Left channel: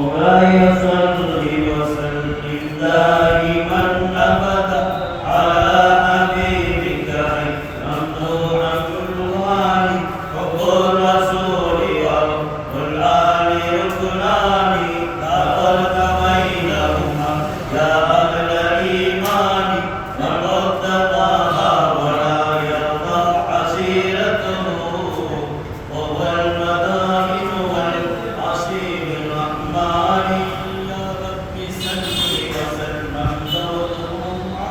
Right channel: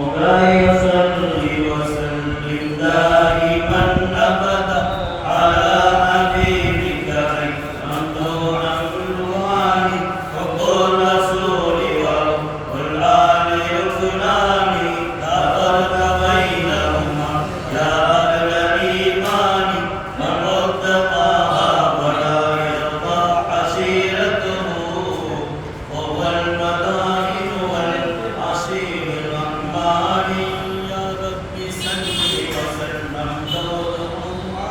مولاي صل وسلم دائما أبدا على حبيبك خير ممدوح الوالي حب الرسول والآل يكنان لا فرق بينهما يا أهل الإيمان من رد طه ولا يرضى عشيرته وهو المدائن والعصير الرحمن يا رب صل وسلم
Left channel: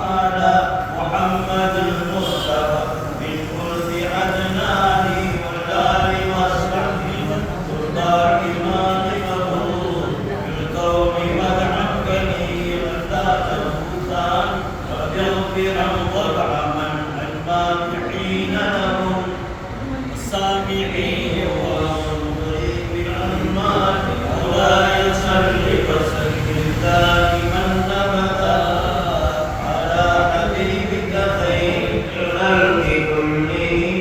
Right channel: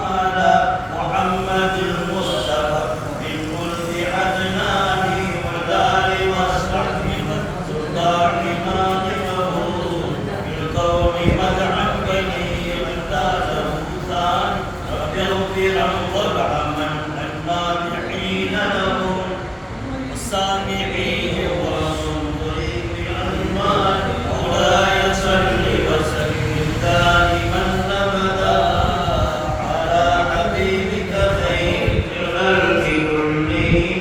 على محمد المصطفى من ولد عدنان والآل والصحب والسلطان مالكه في الكون مدعا بني من ذاته ثاني ويغفرا وارحما المادحين له والسامعين والمنظرين بالأنوار مولاي صل وسلم دائما أبدا على حبيبك خير الخلق كلهم.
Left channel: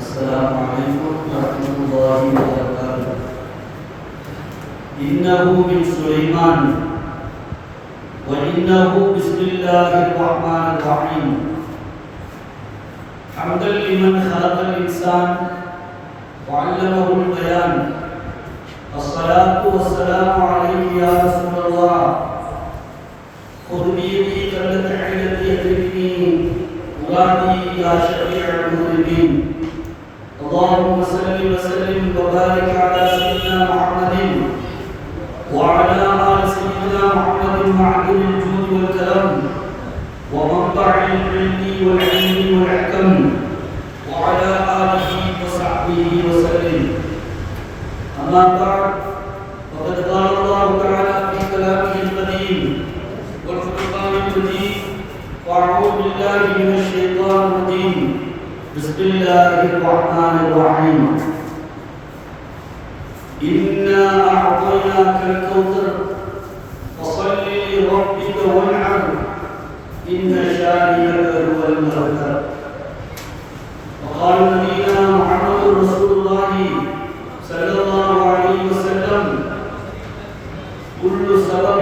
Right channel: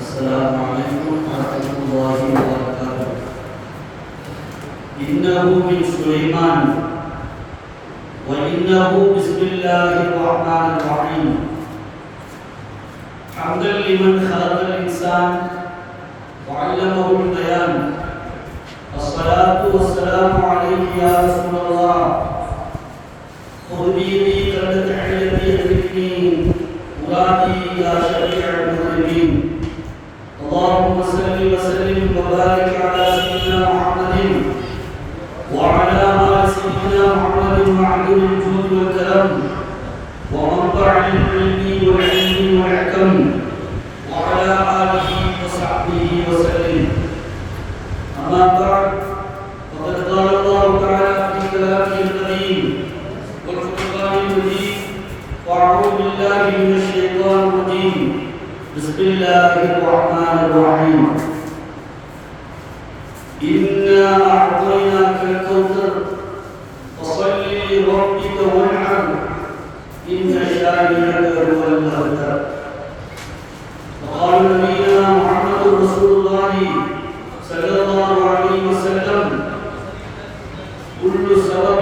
السلام عليكم ورحمة الله وبركاته. إنه من سليمان وإنه بسم الله الرحمن الرحيم. حمدا لمن خلق الإنسان وعلمه البيان. الصلاة والسلام عليك يا رسول الله. خذ بيدي قبل تحية المؤمنين مرادي إلى شفيع المذنبين. اللهم صل وسلم وبارك على سيدنا محمد وعلى آل سيدنا محمد معدن الجود والكرم ومنبع العلم والعلم والحكم وعلى آله وصحبه وسلم. أما بعد فقد قال الله تعالى في كلامه القديم والفرقان المجيد وأعوذ بالله من الشيطان الرجيم. بسم الله الرحمن الرحيم. إنا أعطيناك الكوثر فصل لربك وانحر إن شانئك هو الأبتر. وقال نبينا محمد رسول الله صلى الله عليه وسلم كل سبب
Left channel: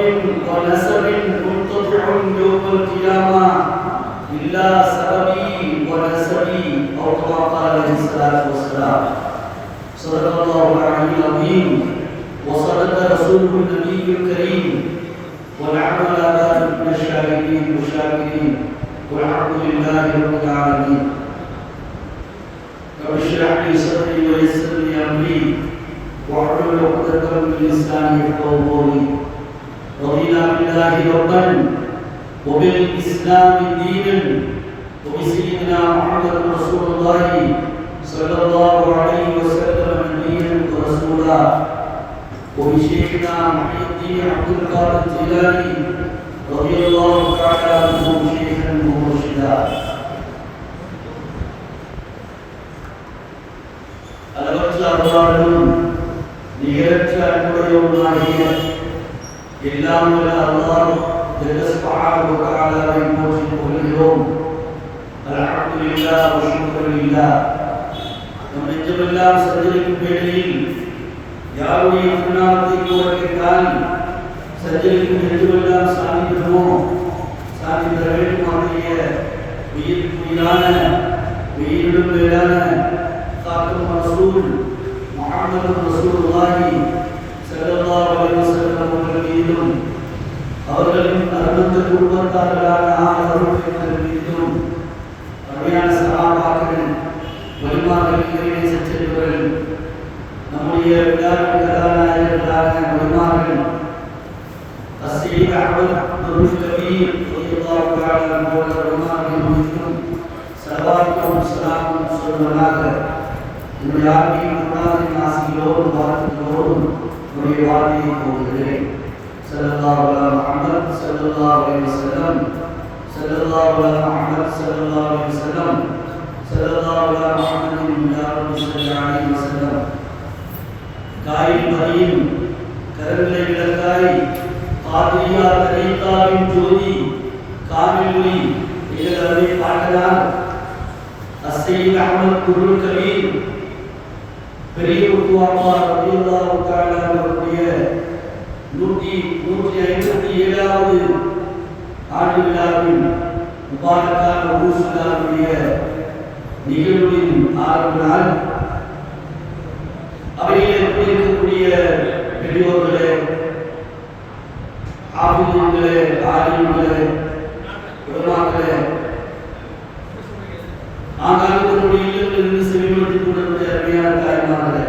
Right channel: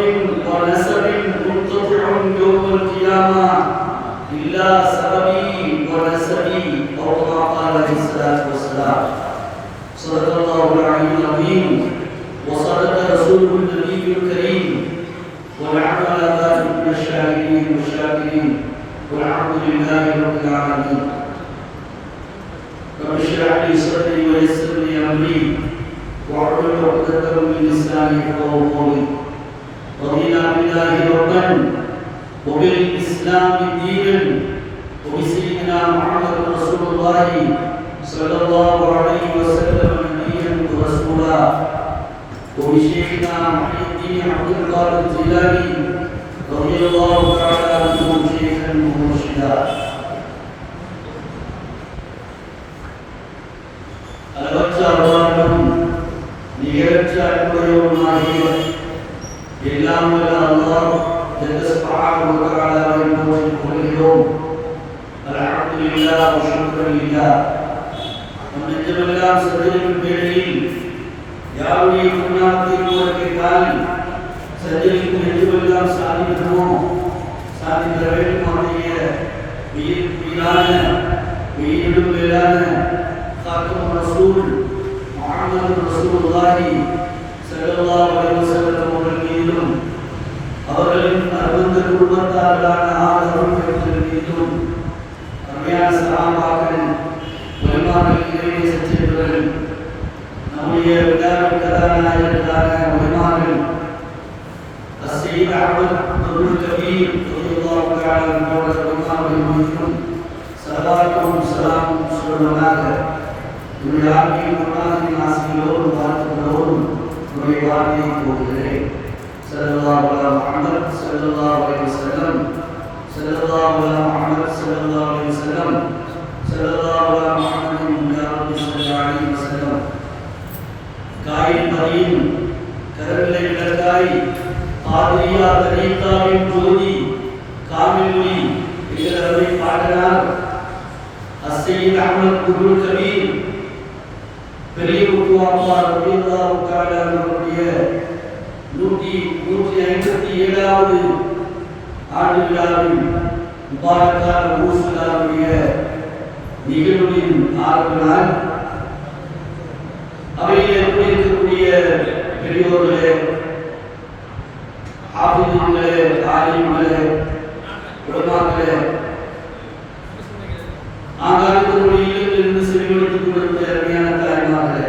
ونسب منقطع يوم القيامة إلا سببي ونسبي أو كما قال عليه الصلاة والسلام. صدق الله العلي العظيم وصدق رسوله النبي الكريم والعمل على ذلك من الشاهدين والشاكرين والحمد لله رب العالمين. رب اشرح لي صدري ويسر لي أمري واحلل عقدة من لساني يفقهوا قولي. رضينا بالله ربا وبالإسلام دينا وبسيدنا محمد رسول الله صلى الله عليه وسلم نبيا ورسولا وبشيخنا محي الدين عبد القادر الجيلاني رضي الله تعالى عنه شيخا ومرشدا. அளவற்ற அருளாளனும் நிகரற்ற அன்புடையவனுமாகிய எல்லாம் வல்ல அல்லாஹ் ஜல்ல சுப்ஹானஹு வ தஆலாவை போற்றி புகழ்கிறோம். அல்ஹம்துலில்லாஹ் வல்ஹம்துலில்லாஹ். நம் நெஞ்சமெல்லாம் சஞ்சரிக்கும் வேளையில் யாருடைய திருநாமத்தை கோருகிறால் சஞ்சரிக்கும் நெஞ்சமெல்லாம் சாதிக்கிறோம். சாதிக்கிற வேண்டும் அவனுடைய உயிரான உயிரிடும் மேலான காக்கும் ரசூல் முஹம்மது ரசூலுல்லாஹி ஸல்லல்லாஹு அலைஹி வஸல்லம் அவர்கள் மீதும் அவர்களின் அருந்த குடும்பத்தார்களான ஆதரவுகள் மீதும் அருமையான சஹாபாக்கள் வலிமார்கள் இறைவனை சச்சரிவர்கள் நம்முடைய விழாவின் கதாநாயகர்களான வலிமார்கள் السيد أحمد أبو الكبير رضي الله تعالى عنه وارضاه صلوات والسلام على النبي محمد ஆசியோடு வாழ்த்துகிறோம். வஸல்லம் காயின் மதியின் கரங்களை விளக்காய் பாதிரியா தரீகாவின் ஜோதி காமிலுனி எங்களை பாடனார் அஸ்ஸையீத் அஹ்மத் குருல் கபீர் பெரிய உருவாமா ரலியல்லாஹு தஆலா அவருடைய 157வது ஆண்டு விழாவில் முபாரக்கான ஊசுலாவுடைய நிகழ்வின் ஆரம்ப நாள். அவையில் இருக்கக்கூடிய பெரியோர்களே, ஆபிதீன்களே, ஆலிம்களே, உலமாக்களே, ஆங்காங்கனுடைய இல்லங்களிலிருந்து செவிமடுத்துக் கொண்டிருந்த அருமையான தாய்மார்களே,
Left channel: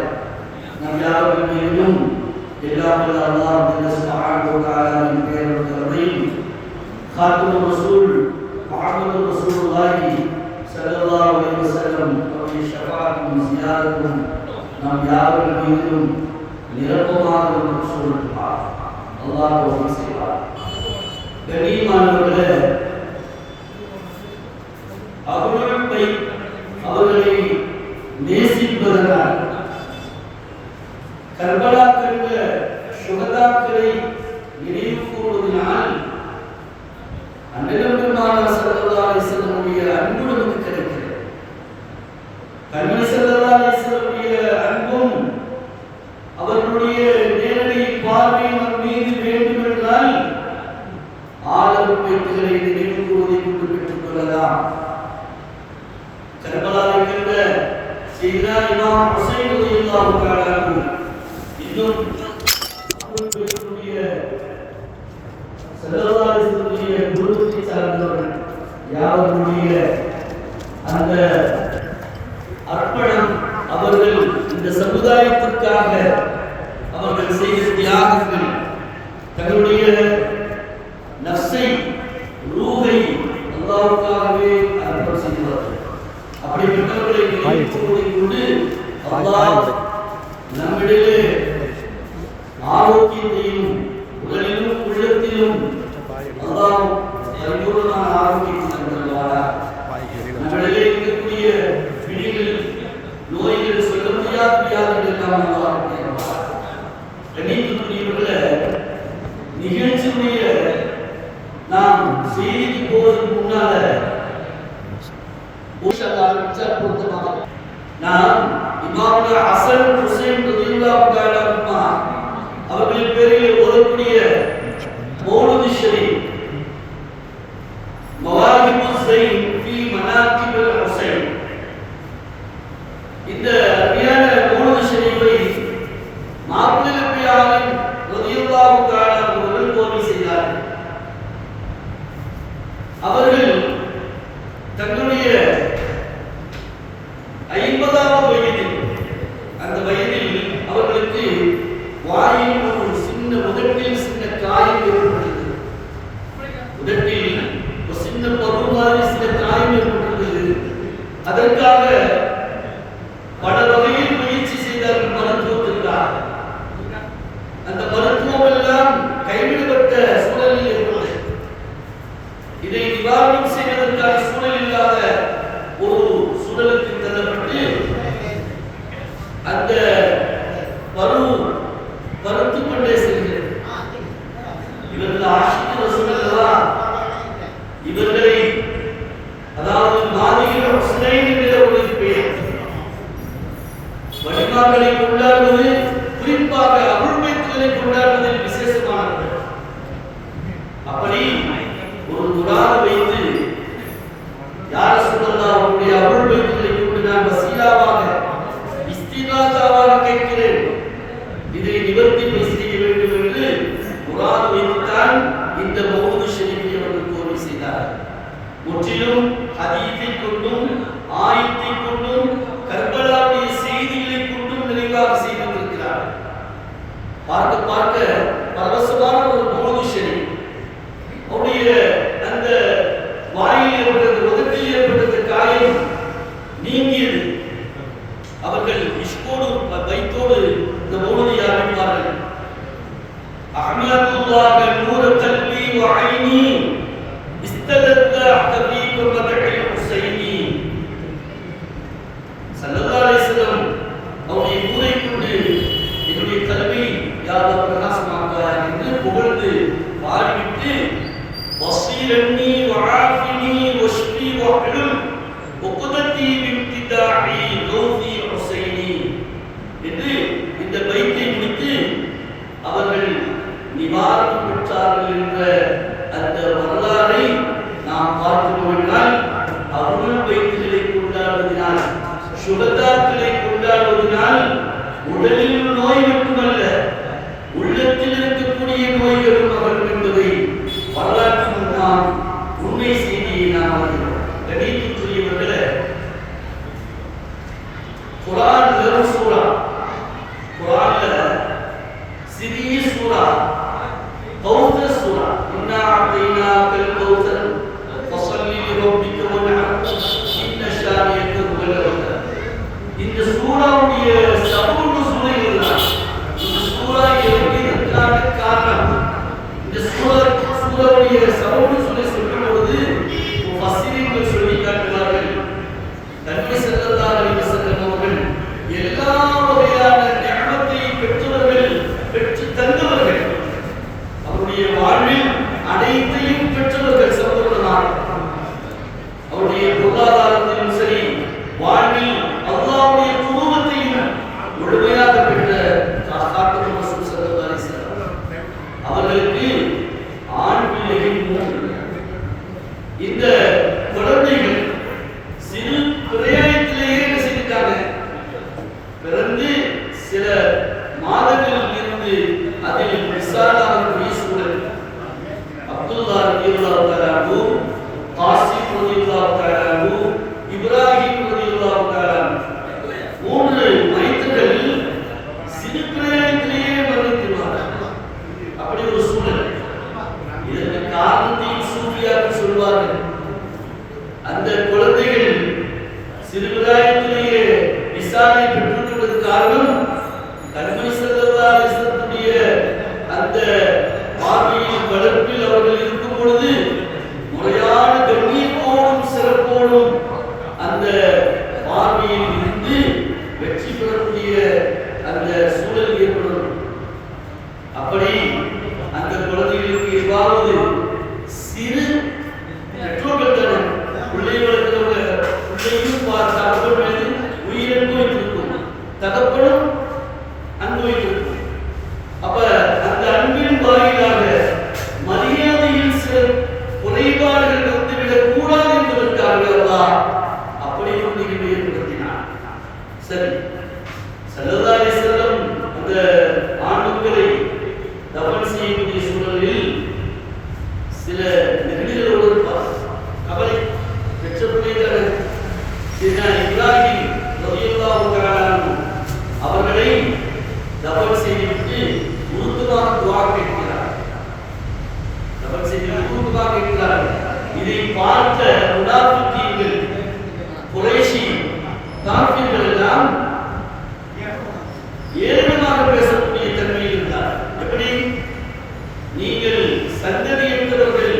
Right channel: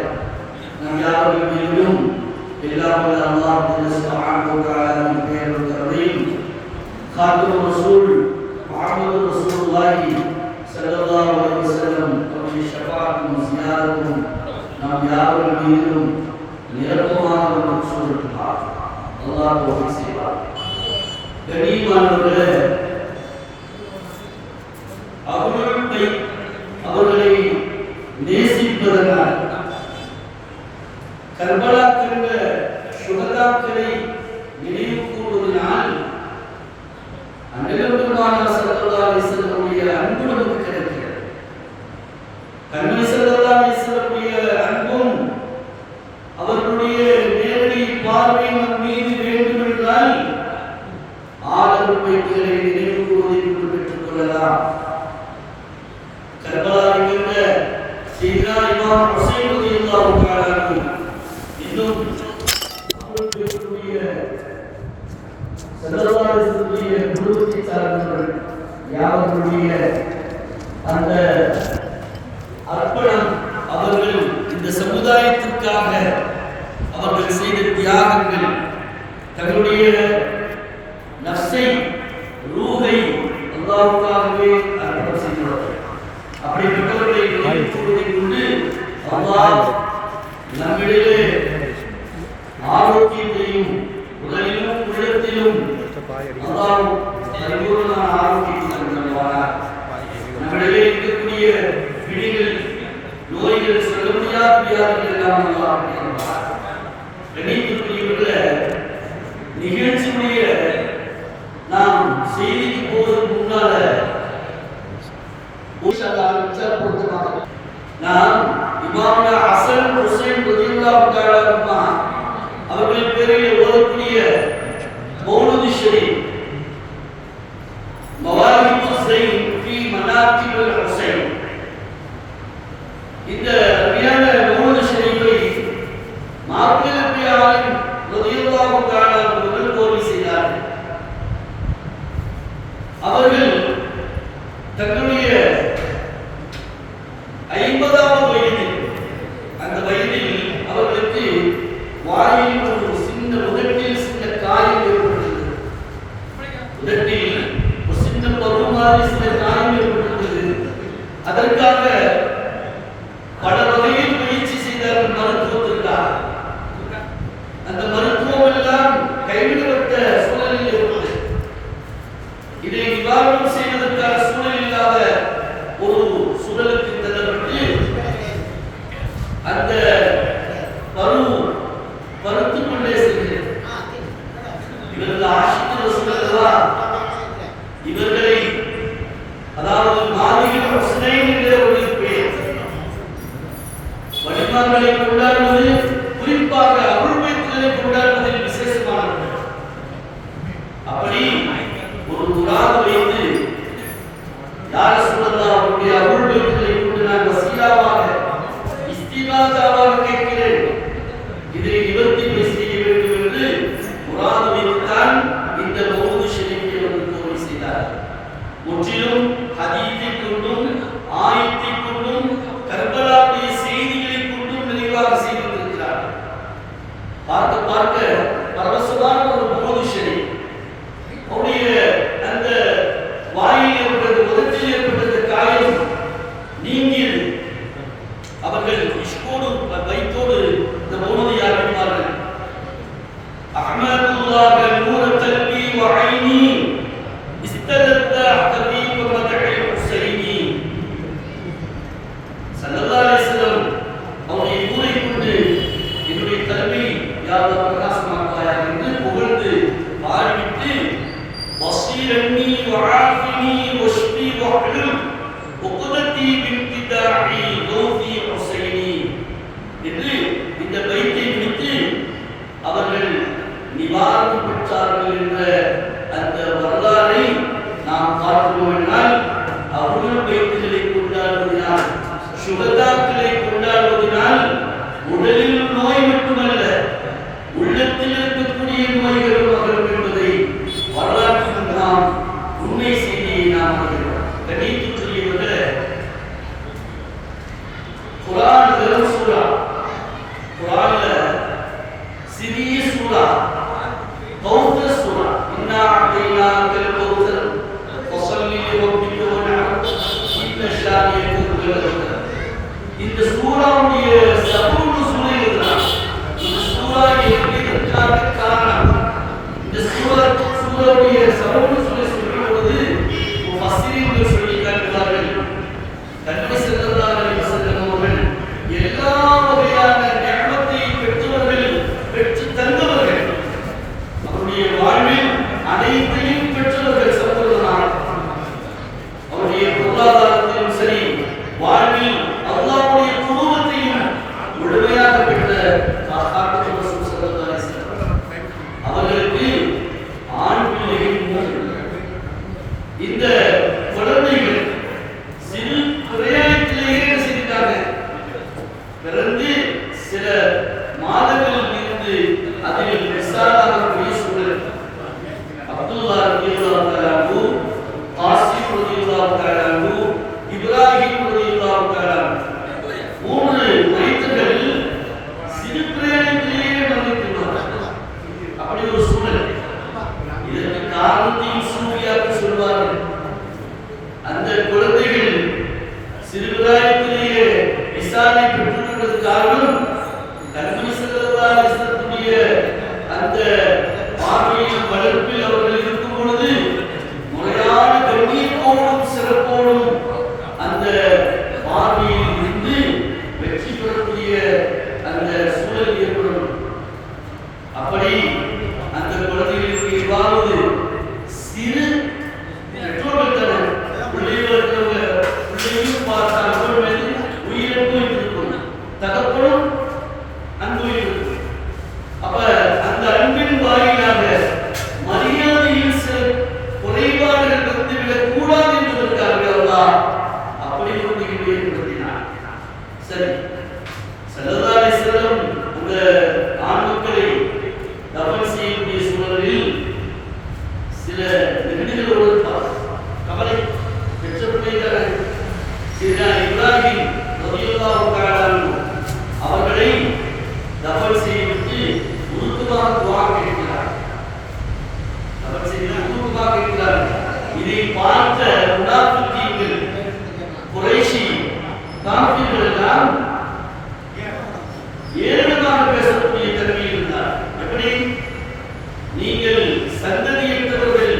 நம் யாவர்கள் மீதும் எல்லாம் வல்ல அல்லாஹ் சுப்ஹானஹு வ தஆலாவின் பெயரில் கருணையும் காத்தும் ரசூல் முஹம்மது ரசூலுல்லாஹி ஸல்லல்லாஹு அலைஹி வஸல்லம் அவருடைய ஷஃபாஅத்தும் ஜியாரத்தும் நாம் யாவர்கள் மீதும் நிரப்பமாக சொல்லலாம். அல்லாஹ் தௌஃபீக் செய்வார். கண்ணியமானவர்களே, அவர்களை நேசிப்பதனால் கர்பலா கண்ட சுகதாக்களை நினைவு கூறுவதனால் அன்னபெருமானார் ஸல்லல்லாஹு அலைஹி வஸல்லமுடைய அன்பு நமக்கு கிடைக்கிறது. கண்மணி ஸல்லல்லாஹு அலைஹி வஸல்லமுடைய அன்பும் அவர்களுடைய நேரடி பார்வை நம் மீது வேண்டும் என்றால் ஆதரவு வைத்துகளை நினைவு கூறுவதை கொண்டு பெற்றுக் கொள்ளலாம். கர்பலாவை கண்ட சையதுனா இமாம் ஹுசைன் ரலியல்லாஹு தஆலா இன்னும் அவர்களுடைய ஸல்லல்லாஹு அலைஹி வஸல்லம் குருவை சார்ந்தவர்கள் யாவருடைய அந்த அர்ப்பணம், அவர்கள் இந்த சமுதாயத்திற்காக அவர்கள் செய்த தியாகங்கள், தங்களுடைய நஃப்ஸை ரூஹை அல்லாஹ்வுக்காகவே அர்ப்பணம் செய்தார்கள். அப்படிப்பட்டவர்களை நினைவுகூறுவதை கொண்டு அல்லாஹ் நம்மிடையே ஆரோக்கியத்தையும் உடலிலும் உள்ளத்திலும் அல்லாஹ் பரிபூர்ணமான ஆரோக்கியத்தை தருவானாக. நம்மிடையே இருக்கக்கூடிய பிடிகள், நோய்கள், சொல்ல முடியாத வியாதிகள் எல்லாம் அல்லாஹ் தருவானாக. கண்ணியத்துக்குரியவர்களே, நிகழ்ச்சியுடைய நாம் செய்திக்கு போவதற்கு முன்னால நாம் இமாம் ஹசன் ஹுசைன் ரலியல்லாஹு தஆலா அன்ஹுமா அவர்களின் பேரில் ஓதக்கூடிய மௌலித் ஷரீஃப் மவாஹிபுஸ் ஸைன் ஃபீ மனாகிபில் ஹுசைன், இந்த அருமையான மௌலித் ஷரீஃபை மாப்பிள்ளை நபி ஆலிம் ரலியல்லாஹு தஆலா அவர்கள் கோரி செய்தார்கள். அவர்கள் தங்களுடைய 50வது வயதில், அந்த வயதில் அவர்களுக்கு வாயில் ஒரு சின்ன உதட்டில் சின்ன காயம் ஏற்பட்டது. உதட்டில் ஒரு சின்ன பரு மாதிரி சின்ன காயம் ஏற்பட்டது. அதற்காக பல வகையில் முயற்சி செய்தார்கள் மருத்துவத்திற்காக. அந்த மருத்துவம் எல்லாம் கைவிடப்பட்ட சூழலில் இருந்தது. இதை நிவாரணம் செய்வதற்கான சூழல் இல்லாத ஒரு சூழலுக்கு தள்ளப்பட்டு அந்த பருத்துக் கொண்டே செல்கிறது. இவர்கள் ஆஷிக் ரசூலுல்லாஹ் இவர்களை, அதாவது மாலிகின் ஹுசைன் என்கிற ஒரு பேர், வலிமார்களை கொண்டாடுவது, குறிப்பாக அருள் பைத்துகளை கொண்டாடுவதில் விசேஷமானவர்கள். அப்படி ஒரு குரான் வைத்து யார் ரசூலுல்லாஹ் அவருடைய அருள் பைத்துகளை கொண்டு நான் வசீலாவாக இஸ்திகாசாவாக கேட்கிறேன், இதை நிவர்த்தி செய்ய வேண்டும் என்று குரான் வைத்துத்தான் இந்த மௌலித் ஷரீஃபை அவர்கள் கோரி செய்தார்கள். முற்றிலும் ஹதீஸை கொண்டும் ஆயத்தை கொண்டும் கர்பலாவுடைய செய்திகளை கொண்டும் நிறைவாக செய்திருக்கிறார்கள். பார்க்க பார்க்க பரவசமான ஒரு மௌலித் ஷரீஃப். அவருடைய அந்த வாயில் ஏற்பட்டது, உதட்டில் ஏற்பட்டது காயம் நீங்கியது. அவர்கள் இஷ்கோடு வைத்தோடு இந்த மௌலிதை ஆரம்பித்தார்கள். அஹ்மதுல்லாஹ் நூர கல்பி வ ஐனி இஸ்தலத்த ஹபீப மதஹி ஹுசைனி. ஸல்லல்லாஹு அலைஹி வஸல்லம் அவருடைய என்று இந்த பைத்தை குறித்து அவர்கள் நிவாரணம் பெற்றார்கள் என்ற அந்த வரலாறை நாம் பார்க்கிறோம் என்றால் அவர்கள் பைத்துகளை கொண்டாடுவதனால் சுகதாக்களை கொண்டாடுவதனால் உடலில் நோய் மட்டுமல்ல உள்ளத்தில் இருக்கக்கூடிய நோய்களும் அகலும் என்பதை வரலாற்றில் நாம் உண்மை செய்தியை நாம் அறிகிறோம். கணித்துக்குரியவர்களே, குர்ஆன் வெறும் சூரா, குர்ஆன்ல சிறிய சூரா கௌதர் சூரா, இன்னா அதைனாக்கல் கௌதர் ஃபஸல்லி லிரப்பிக வன்ஹர் இன்ன ஷானியக ஹுவல் அப்தர். இந்த சூராவுடைய சபூல் நுஸூல் இதுதான். இந்த சூரா இறங்கியதற்கான காரணம், இந்த சூராவுடைய சபூல் நுஸூலை சொல்லும் பொழுது முஃபஸ்ஸிரீன்கள் சொல்லி காட்டுவார்கள், நபி ஸல்லல்லாஹு அலைஹி வஸல்லம் அவர்கள் எல்லா வகையான நிஅமத்தை பெற்றவர்கள், பெற்று தந்தவர்கள், அவருடைய வாழ்வில் அனைத்தையும் பெற்றவர்கள் சகோதரர்களாக. அவருடைய பொருளாதாரத்திலும் சரி, வாழ்வில் அல்லாஹ்வுடைய குருவத்தையும் முழுமையாக பெற்ற காத்தர் ரசூல் ஸல்லல்லாஹு அலைஹி வஸல்லம் அவர்களுக்கு ஆண் பிள்ளைகள் 3. இந்த குழந்தைகள் சிறு பிரயாணத்திலேயே என்ன செய்துட்டாங்க, பிறந்து சில மாதங்களில் இருந்து அதில் விசாலாகக்கூடிய சூழல். அப்துல்லா ரலியல்லாஹு தஆலா அன்ஹு, காசிம் ரலியல்லாஹு தஆலா அன்ஹு, இப்ராஹிம் ரலியல்லாஹு தஆலா அன்ஹு 3 மைத்துகள் சிறு பிரயாணத்திலேயே மரணித்துள்ளார்கள். அப்படி ஒரு சூழல். இதற்கு காரணத்தையும் சூஃபியாக்கள் சொல்வார்கள். அந்த குழந்தைகள் சிறுபிராயத்திலேயே விசாலை பெற்றுள்ளது காரணம், நபி ஸல்லல்லாஹு அலைஹி வஸல்லமுடைய அந்த பார்வையில் வளர்ப்பில் அவர்கள் இருக்கும் பொழுது முறையான கண்ணியத்தோடும் சிறப்போடும் அந்த பார்வையில் இருந்து வெற்றி பெறக்கூடிய அந்த சூழல் ஏற்படும். அப்படி அந்த குழந்தைகளுக்கு எவ்வாறு சிறு பெற்றோர்கள் தரும் பிள்ளையும் பார்த்த அவர்கள் மீது உயிரன்பு இருக்கும், தகப்பனும் அன்பு இருக்கும். அப்ப அந்த அன்பின் வாயிலாக மரியாதையில் சில குறைபாடுகள் வந்துவிடக் கூடாது என்பதற்காக அல்லாஹ் அப்படி குழந்தைகளை ஏற்படுத்தினார். சரி, ஸல்லல்லாஹு அலைஹி வஸல்லம் அந்த ஆண் மக்களை தஃன் செய்யக்கூடிய சூழலில் சில நெருக்கடிகளோடு கவலை பெற்ற பிள்ளைகள் இப்ராஹிம் ரலியல்லாஹு தஆலா அன்ஹு அவர்களை தஃன் செய்துவிட்டு உருக்கமாக துஆ கேட்கிறார். தஃன் செய்து உருக்கமாக கேட்கிறார். இதை பார்த்த முனாஃபிகீன்கள், குறைஷி காஃபிர்கள் எல்லாம் ஏளனமாக பேசக்கூடிய தன்மையில் இருந்தார். எப்படி? நீங்கள் சந்ததியற்றவர்கள்,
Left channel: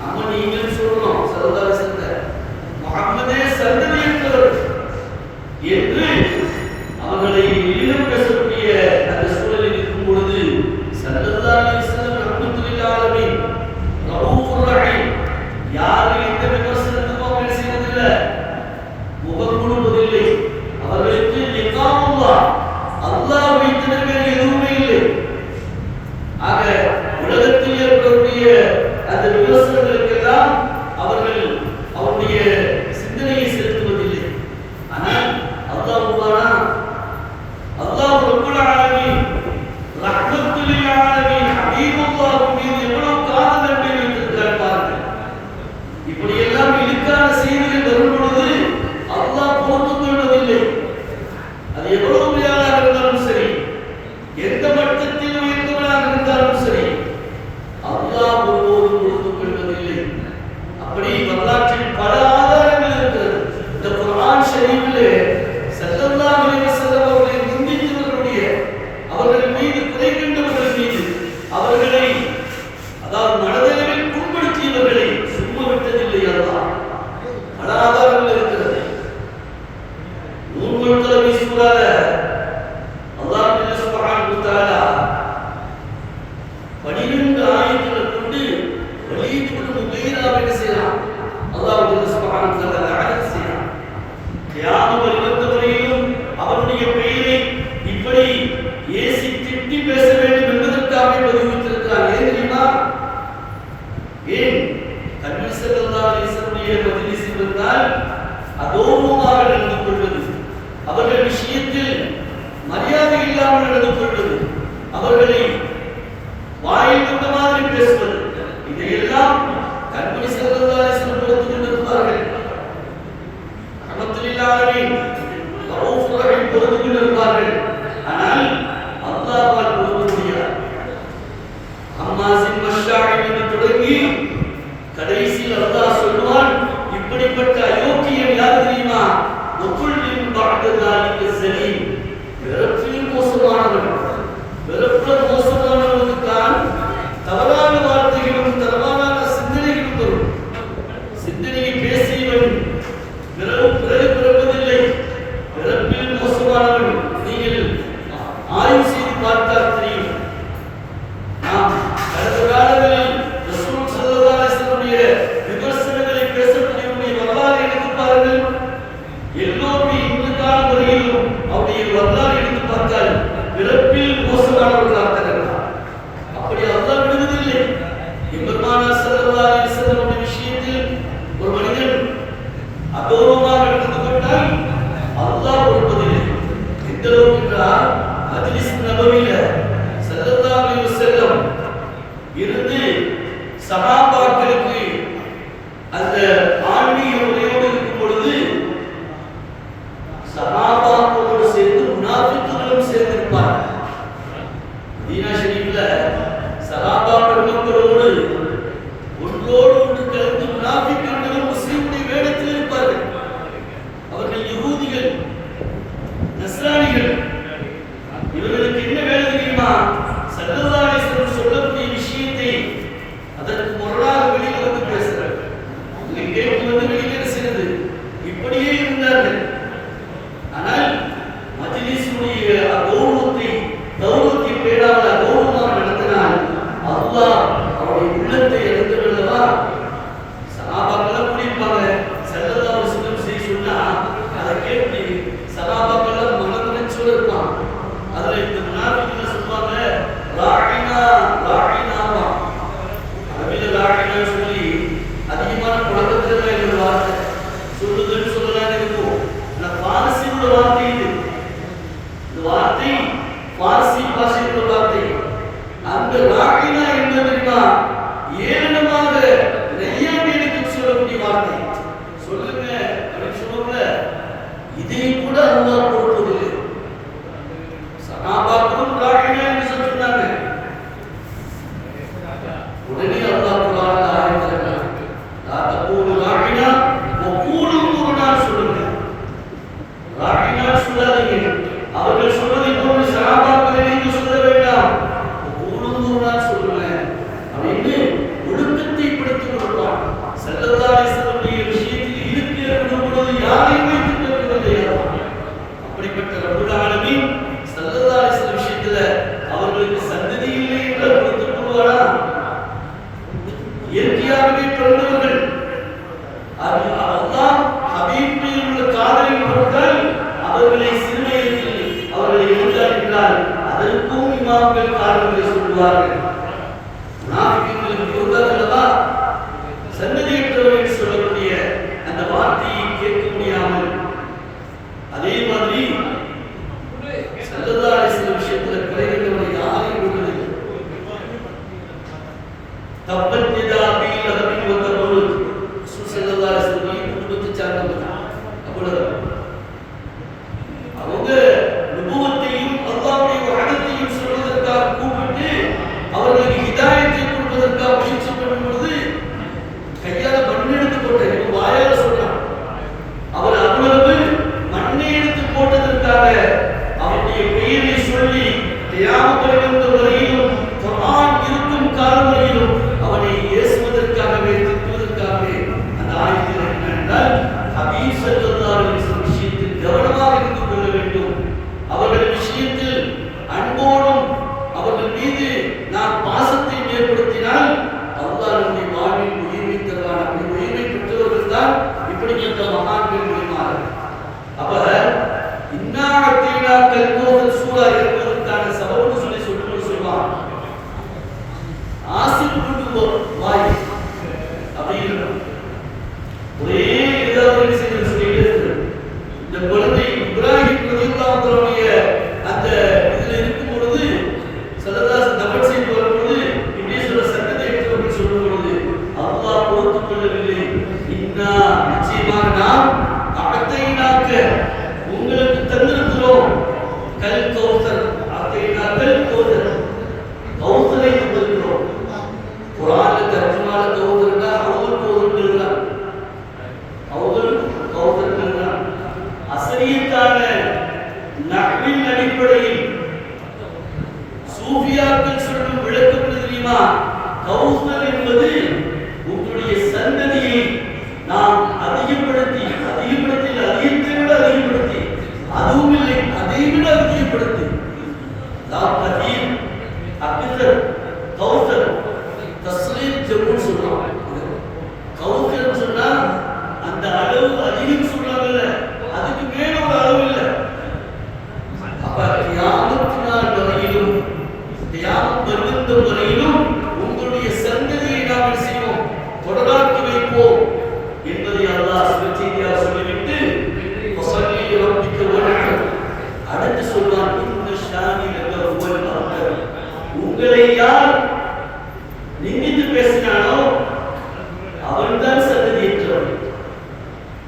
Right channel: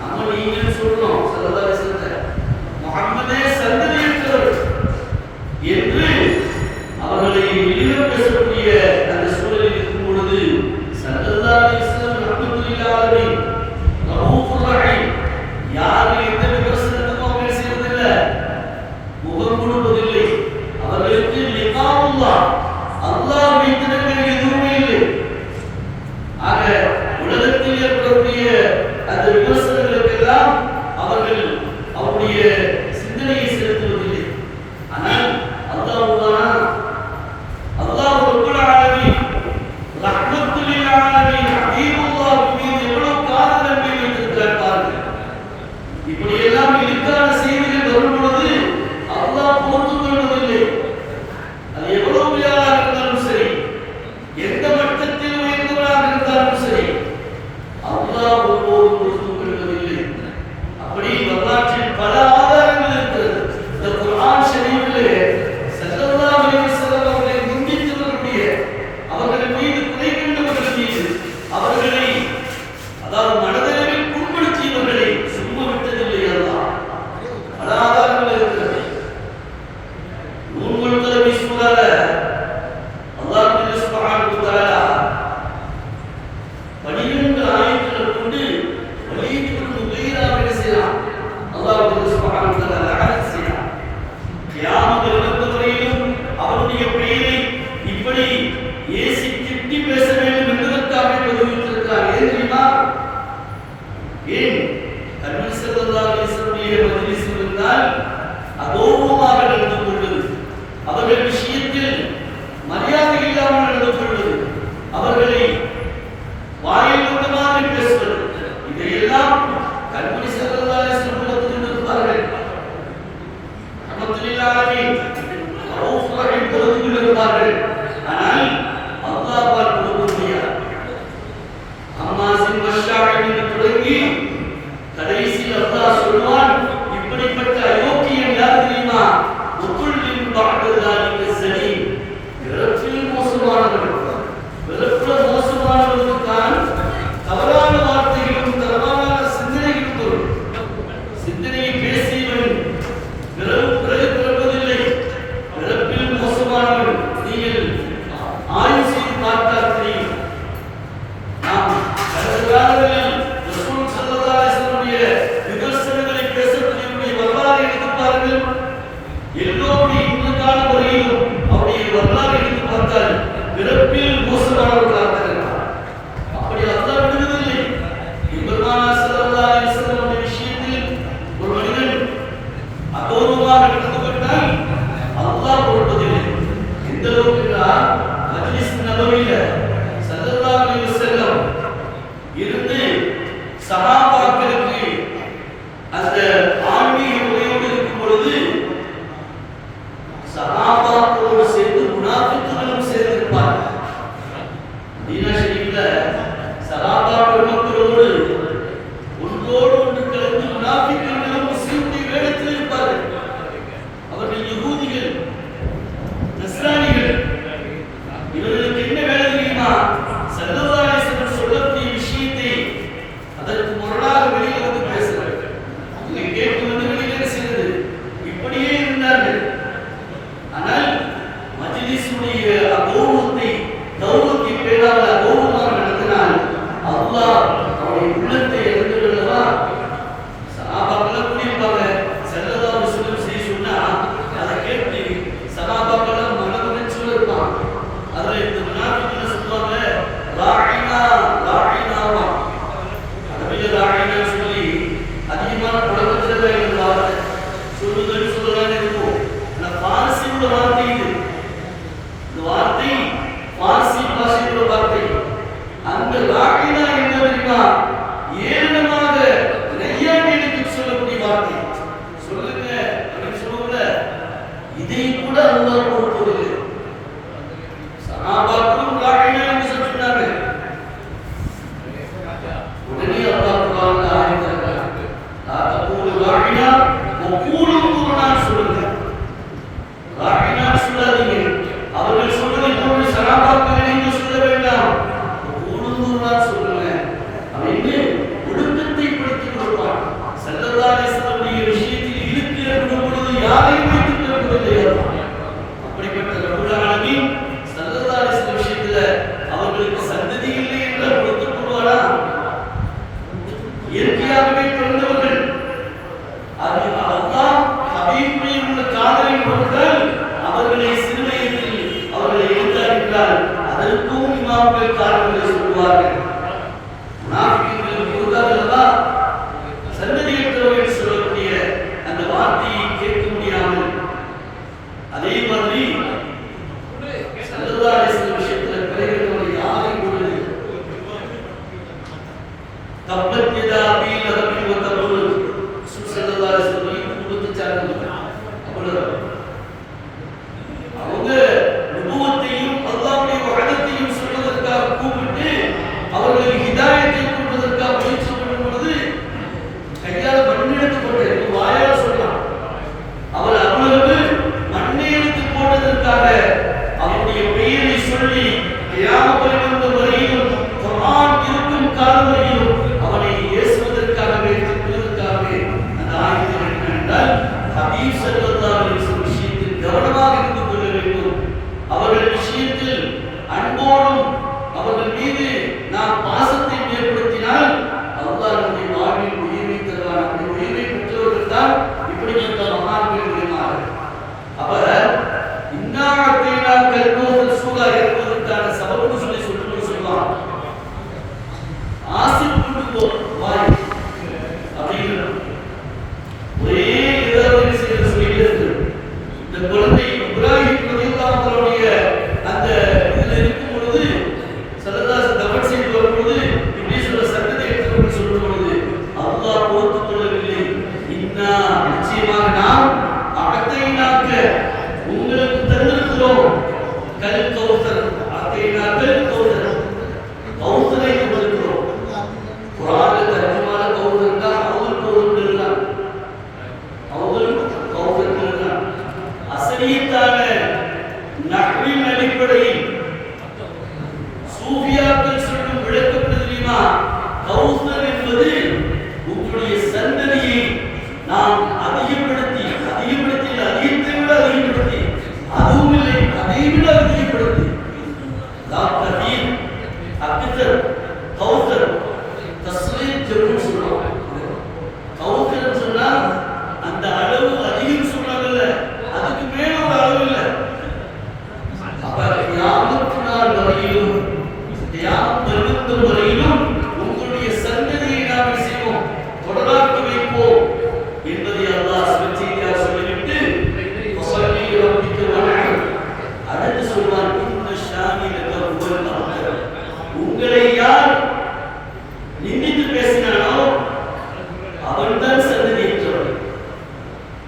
நம்ம நீங்கள் சொல்லணும் ஸல்லல்லாஹு அலைஹி வஸல்லம் முஹம்மதே சந்ததியற்றவர் என்று அவர்களை இழிவு பேசக்கூடிய அந்த சூழலில் இருக்கும் பொழுது ஸல்லல்லாஹு அலைஹி வஸல்லம் ரஹ்மத்துல் ஆலமீன் ரவுஃபுர் ரஹீம், யாரும் எந்த விமர்சனத்துக்கும் அவங்க செய்வதில்லை, முகம் கொடுப்பதில்லை. அவர்களுக்கு லிகாவுல்லாஹ், அல்லாஹ் வைத்ததற்கு எதுவுமே இல்லை. ஆக உலகத்தில் ஏற்படக்கூடிய அந்த விமர்சனங்களுக்கெல்லாம் அவர்கள் அவருடைய சிந்தனையை செலுத்துவதில்லை. ஆனால் அல்லாஹ் ரப்புல் ஆலமீன் ரஹ்மத்துல் ஆலமீன் ஹபீபுல்லாஹ் மீது எவ்வளவு காதல் அன்பை வைத்திருக்கிறார் பாருங்கள். இப்படி எல்லாம் இழுக்கான செய்திகள் வரும் பொழுது அல்லாஹ் பொறுத்துக் கொள்வதில்லை. அது எவ்வளவு உயர்வாக இருந்தாலும் சரி, எந்த மட்டத்தில் உயர்ந்தவராக இருந்தாலும் சரி, அல்லாஹ் ஒருபோதும் பொறுத்துக் கொள்வதில்லை. இல்லாமல் நடந்து கொள்வது, அவர்களை வாயில் வந்த மாதிரி பேசுவது, இதையெல்லாம் கண்மணி ஸல்லல்லாஹு அலைஹி வஸல்லம் பொறுத்து கொண்டிருப்பார்கள். ரஹ்மத்துல்லாஹி ரவுஃப் ரஹீம் பொறுத்து கொண்டிருப்பார்கள். ஆனால் அல்லாஹ்வால் பொறுக்க முடியாது. அம்மாசின் மஷ்ஷாஇன் என்று தொடங்கி கடைசியில் அல்லாஹ் சொல்வான், இப்படிப்பட்ட அயோக்கியன் யார் தெரியுமா? உக்குல்லின் பஅதுல்லாஹி ஸலீம், பிறப்பில் மோசமானவன். பிறப்பில் மோசமானவனுக்கு தான் தவறான வார்த்தைகளும் தவறான சிந்தனைகளும் வரும். சிந்தனையை பேசியவன் பிறகு பிறப்பதில்லை, பிறப்பில் மோசமானவன். நீங்கள் ஆய்வு செய்து பார்த்தால் தெரியும். நாம் கடந்த காலங்களில் ரசூல் ஸல்லல்லாஹு அலைஹி வஸல்லம் விமர்சனங்களை பேசக்கூடியவருடைய வரலாறு எடுத்து பாருங்கள். எல்லோருடைய இந்த காலம் வரையிலும் அவருடைய வரலாறு எடுத்து பார்த்தால் பிறப்பில் மோசமானவர்களாக இருக்கிறார். அப்படி அல்லாஹ் விடுவதில்லை. பெருமானார் ஸல்லல்லாஹு அலைஹி வஸல்லம் விஷயத்தில் ஒரு மனிதன் அகௌரவமாக நடந்து கொண்டால் அல்லாஹ் பொறுப்பதில்லை. எந்த அளவுக்கு என்றால் மஜ்லிஸ் நபவியில ஸல்லல்லாஹு அலைஹி வஸல்லம் இருந்து சஹாபாக்களுக்கு அந்த ஆன்மீக உரையோடு இருக்கும் பொழுது சஹாபாக்களோடு சேர்ந்து முனாஃபிக்குகளும் சேர்ந்திருப்பார்கள். மதீனா ஷரீஃப்ல சஹாபா பெருமக்களோடு ஒன்றோடு ஒன்று கலந்து முனாஃபிக்குகளும் முஸ்லிமுடைய வேடத்தில் இருப்பார்கள். அவர்கள் யகூதிகள், நஸ்ரானிகள். இவர்களுக்கு என்ன வேலை தெரியுமா? ஸல்லல்லாஹு அலைஹி வஸல்லம் சொல்லக்கூடிய விஷயத்தை அதற்கு முரணாக வெளியில் வந்து பேசுறாங்க. இங்கே கேட்டு வந்து வெளியில் செல்லுது. இப்படியே இருந்தார்கள். ஆனால் மஜ்லிஸுடைய கௌரவத்தை பேணாமல் அகௌரவமாக நடத்தினால் அல்லாஹ் அவருடைய உள்ளத்தை இழந்து விடவா? சஹாபாக்கள் கூடியிருப்பாங்க. ஸல்லல்லாஹு அலைஹி வஸல்லம் செய்ய சொன்னா அதை கேட்டு சஹாபாக்கள் மனதுடைச்சோடு இருப்பாங்க. அதுல இந்த முனாஃபிக்குகள் சொல்லுவாங்க, ராயினா ராயினாவா. அரபியில் ராயினா சொல்லி அதிகமான புலவர்கள் வார்த்தை சொல்லுதல் சொல்லதான் இருக்கும். ஆனால் பாரசீக வார்த்தை இது. இந்த வார்த்தை பாரசீக பாஷையோட வார்த்தை. அந்த ராயினா என்ன தெரியுமா? ஏளனமாக நையாண்டிக்கு சொல்லக்கூடிய வார்த்தை. சொல்லுங்க அப்படின்னு சொல்லுங்க. இதை கூட அல்லாஹ் பொறுப்பதில்லை. சஹாபாக்களும் ராயினா என்று சொன்னாங்க. உடனே அல்லாஹ் குர்ஆன்ல ஆயத்துக்கள் லா தகூலு ராயினா வகூலு குர்ஆனா சொல்லுங்க. ராயினா சொல்லாதீங்க. அவர்கள் சொன்னதை போன்று சஹாபாக்களை நீங்கள் சொல்ல வேண்டாம். வகூலு குர்ஆனா சொல்லுங்க. அப்படின்னு ஒழுக்கத்தை படித்துக் கொடுப்பார். ஸல்லல்லாஹு அலைஹி வஸல்லம் விஷயத்தில் இழுக்கு என்ற பொழுது யாரையும் வைத்துக் கொள்வதில்லை. அப்படிப்பட்ட ரப்பல் ஆலமீன் ஸல்லல்லாஹு அலைஹி வஸல்லம் விஷயத்துல அவர்களுக்கு சந்ததி இல்லை என்று பொறுத்துக் கொள்வாரா? இயற்கையாகவே பிறந்தவர்கள். அது அல்லாஹ் ஹபீபை உள்ள காதலின் பொருட்டால் அவர்களை சிறுவயதில் அவர்களை எழுந்தார்கள். அதற்கும் இமாம்கள் காரணங்களை சொல்லுவார்கள். முனாஃபிக்குகளுக்கு பொருந்தாதல்லவா? சந்ததியற்றவர்கள் சொல்லக்கூடிய அந்த வார்த்தையை கேட்க முடியாமல், அதே மாதிரி ஸல்லல்லாஹு அலைஹி வஸல்லம் விஷயத்தில் குறைந்தவர்கள் யாரையும் விடுவதில்லை. தப்பத் யதா அபீ லஹபின் வ தபுர் ஸல்லல்லாஹு அலைஹி வஸல்லம் குடும்பத்தை சார்ந்தவங்க. அவ்வளவு அவங்க நுபுவத்தையும் அல்லாஹ்வுடைய வஹதத்தையும் சொல்வதற்காக கூப்பிட்டு அவர்களுக்கு ஹிதாயத்தை கொடுப்பதற்காக முயற்சி பண்ணும் பொழுது கையால மண் எடுத்து போட்ட வாயால சொல்றான். அவர் அவ்வளவு மண்ணை எடுத்து போட்டதற்காக அவருடைய பெயரை சொல்லி கியாமத் வரையிலும் குர்ஆன் இருக்கும் காலம் வரையிலும் அவனை ஏசுவதற்காகவே அடிப்படையில் சூஃபியாக்கள் சொல்லும் விளக்கம் தெரியுமா? கௌசர் என்பது உங்களுடைய சந்ததியை நாம் அதிகப்படுத்தி அதிகத்தை விட அதிகப்படுத்தி, அதுவும் இல்லை அதை விட அதிகப்படுத்தி, அக்தர் கௌசர் தஸ்லீம் ஜம்முன்னு சொல்றோம். கௌசர் சொன்னா அந்த அளவு அதிகம் சொல்றாங்கல்ல, அதுக்கு மேல ஒரு அளவு இல்லை. அப்ப கியாமத் நாள் வரையிலும், கியாமத் பர்வதம் வரையிலும் உங்களுடைய சந்ததியை நாம் செய்வோம், தொடராக்கி வைப்போம் என்பதை அல்லாஹ் சுபச்செய்தியாக சொல்லிவிட்டு வஸல்லி ரப்பிக வன்ஹர் அடுத்து சொல்வான், இன்ன ஷானிலக ஹுவல் அப்தர். உங்களை யார் நிந்தித்து பேசினானோ அவன்தான் சந்ததியற்றவன்.